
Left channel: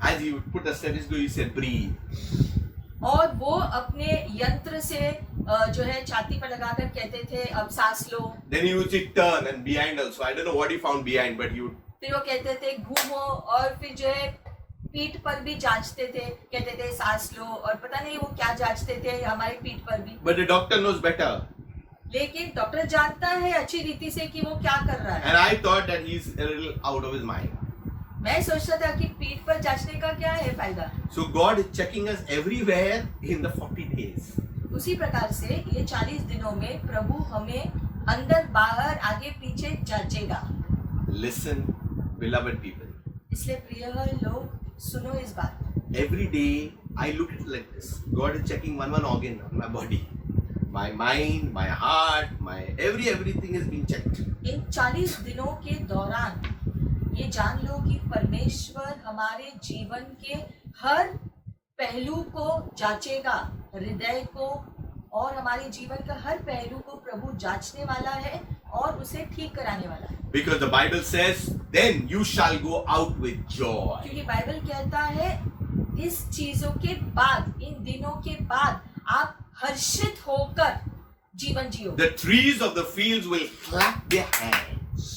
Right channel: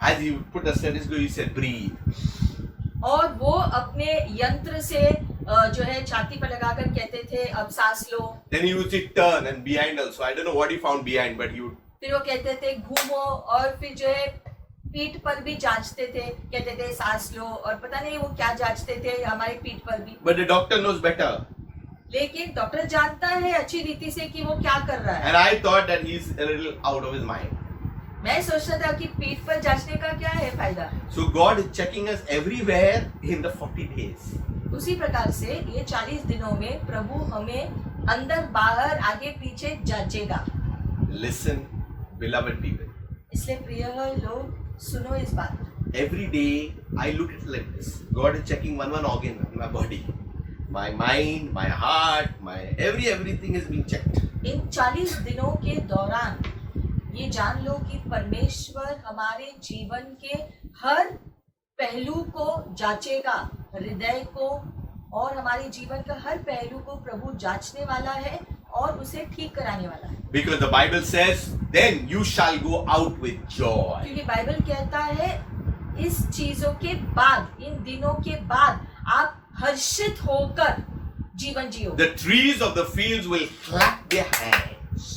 as he would put a stethoscope, he said, breathe. और वो अपने यंत्र से जो है छाती पर लगाकर कहते थे अब सांस लो। Then he used to turn and behind also. I don't know what he found behind, but he would. फिर वो कहते थे घूमो, और फिर जो है पीठ पर भी जांचते थे, कहते थे सांस लो, और पता नहीं वो क्या जांचते थे हमारे पीठ पर भी। But the doctor knows better. लेकिन डॉक्टर जानता है अच्छी रीति से कि वो क्या कर रहा है। And I thought that he's a little out of his mind. मैं सोचता था कि पीठ पर जांचने का क्या है फायदा। So God is checking us everywhere in the 40 days. उसी प्रकार से ये 40 दिनों में प्रभु हमें अंदर बाहर आगे पीछे जांचेगा। Listen, beloved people. इसलिए प्रिय लोग सुनो इस बात। Every day I look at it like this. God is checking one organ in my body. My mind, my heart, my everything is being checked. इन 40 दिनों के दौरान ये जान लो कि परमेश्वर हमारे जीवन के हर पहलू को जांचेगा, हृदय को और हमारे जीवन का हर पहलू को प्रभु जांचने वाला है और उसे ठीक कराने वाला है। Because the Bible says, then you shall go out with joy. क्योंकि बाइबल कहता है इस चीजों के बाद, इन दिनों के बाद आप हर्षित होकर जीवन जियो। The trees of the fields will clap their hands.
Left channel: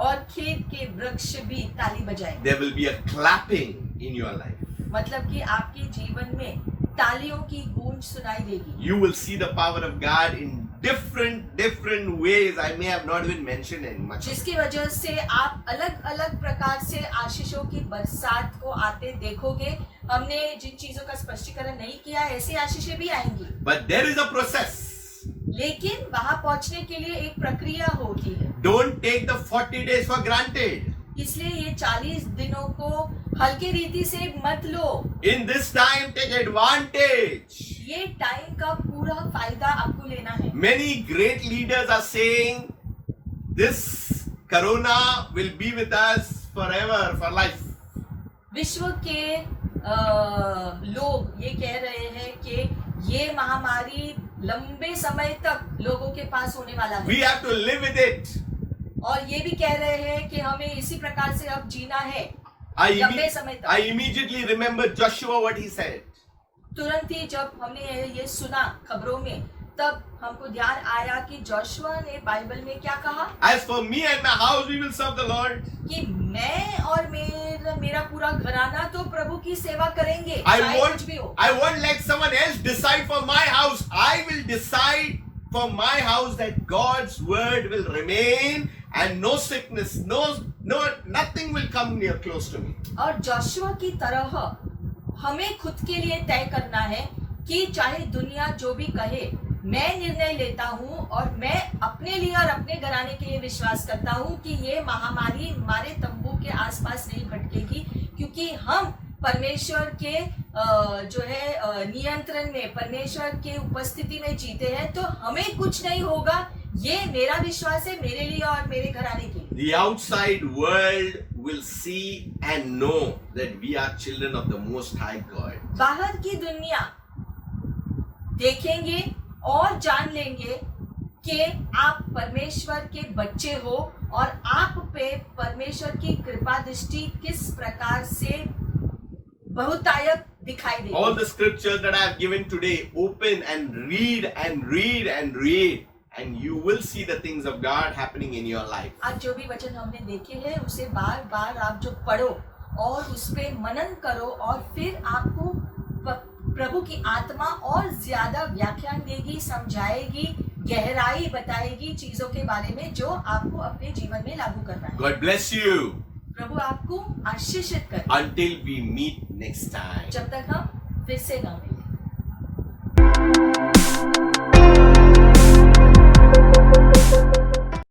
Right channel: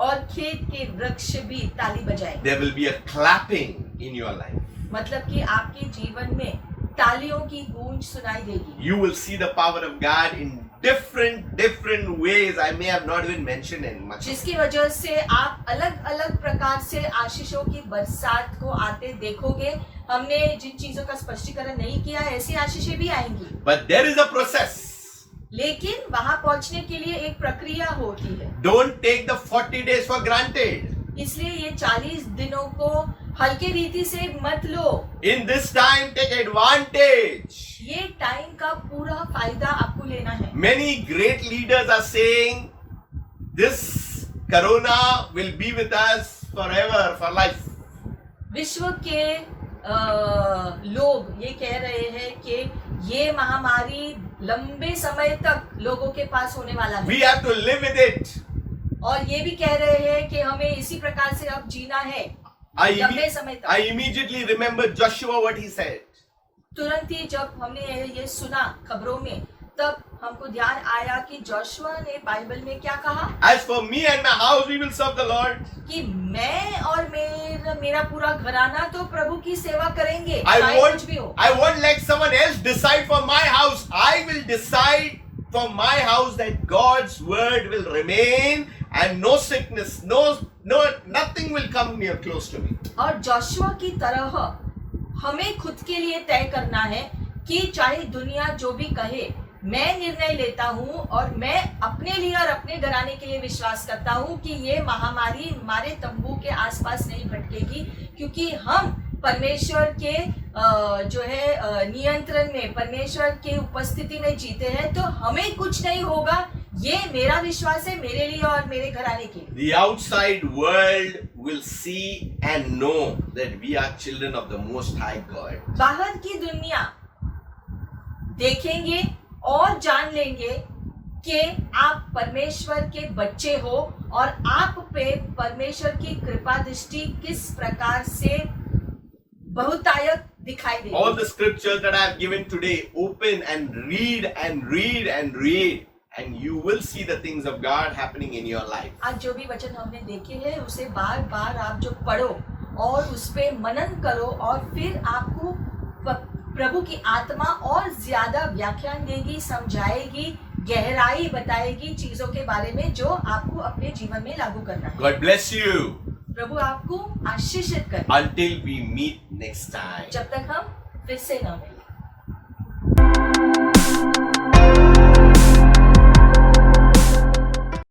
और खेत के वृक्ष भी ताली बजाएंगे। There will be a clapping in your life. मतलब कि आपके जीवन में तालियों की गूंज सुनाई देगी। You will see the power of God in different ways. I may have not even mentioned in much. जिसकी वजह से आप अलग अलग प्रकार से आशीषों की बरसात को आते देखोगे। हमने जिन चीजों का स्पष्टीकरण नहीं किया, ऐसी आशीषें भी आएंगी। But there is a process. लेकिन वहां पहुंचने के लिए एक प्रक्रिया होती है। Don't take the 40 days for granted. इसलिए ये 40 दिनों को हल्के रीति से मत लो। In this time, take advantage. ये टाइम का पूरा फायदा आपको लेना है। Many great leaders are saying this corona will be with us forever, for life. विश्व के लोग ये कह रहे हैं कि ये महामारी लंबे समय तक लोगों के पास होने वाला है। We have to live with it. और ये भी कह रहे हैं कि हमें इसी प्रकार से अब जीना है लंबे समय तक। I immediately remember Joshua what he said. तुरंत ही जब हमने ये सुना खबरों में, तब हमको ध्यान आया कि जोशुआ ने बाइबल में क्या कहा। As for me and my house, we will serve the Lord. कि मैं और मेरा पूरा घराना तो प्रभु की सेवा करेंगे। I won't let someone else decide for my house. I will decide for my house that God's word will remain and no sickness, nothing will come near close to me. और जोशुआ की तरह हमें खुद के लिए तय करना है कि चाहे दुनिया जो भी कहे, मैं निर्णय लेता हूँ और मैं अपने लिए और अपने घराने के लिए विश्वास करता हूँ कि ये महामारी हमारे तंबू के आसपास नहीं भटकेगी, क्योंकि हम परमेश्वर के जो है नियंत्रण में, परमेश्वर के उपस्थिति में जीते हैं, तो हमें कुछ नहीं होगा। ये मेरा विश्वास है मेरे लिए और मेरे घराने के लिए। The outside world will see and know that we are children of the Most High God. बाहर की दुनिया देखेंगे और जान लेंगे कि आप परमेश्वर के बच्चे हो और आप पे परमेश्वर की कृपा दृष्टि किस प्रकार से बहुतायत दिखाई देगी। All the scriptures that I have given today, open and read and read and read, and you will see the things of God happening in your life. आज जो भी वचन हमने देखे हैं उसे बार बार आप जो पढ़ो और उस पे मनन करो, और फिर आपको प्रभु की आत्मा और ज्यादा व्याख्यान देगी, समझाएगी, गहराई बताएगी चीजों के बारे में जो आपको अपने जीवन में लागू करना है। God bless you. प्रभु आपको आशीषित करे। Until we meet next time. जब तक हम फिर से न मिलें।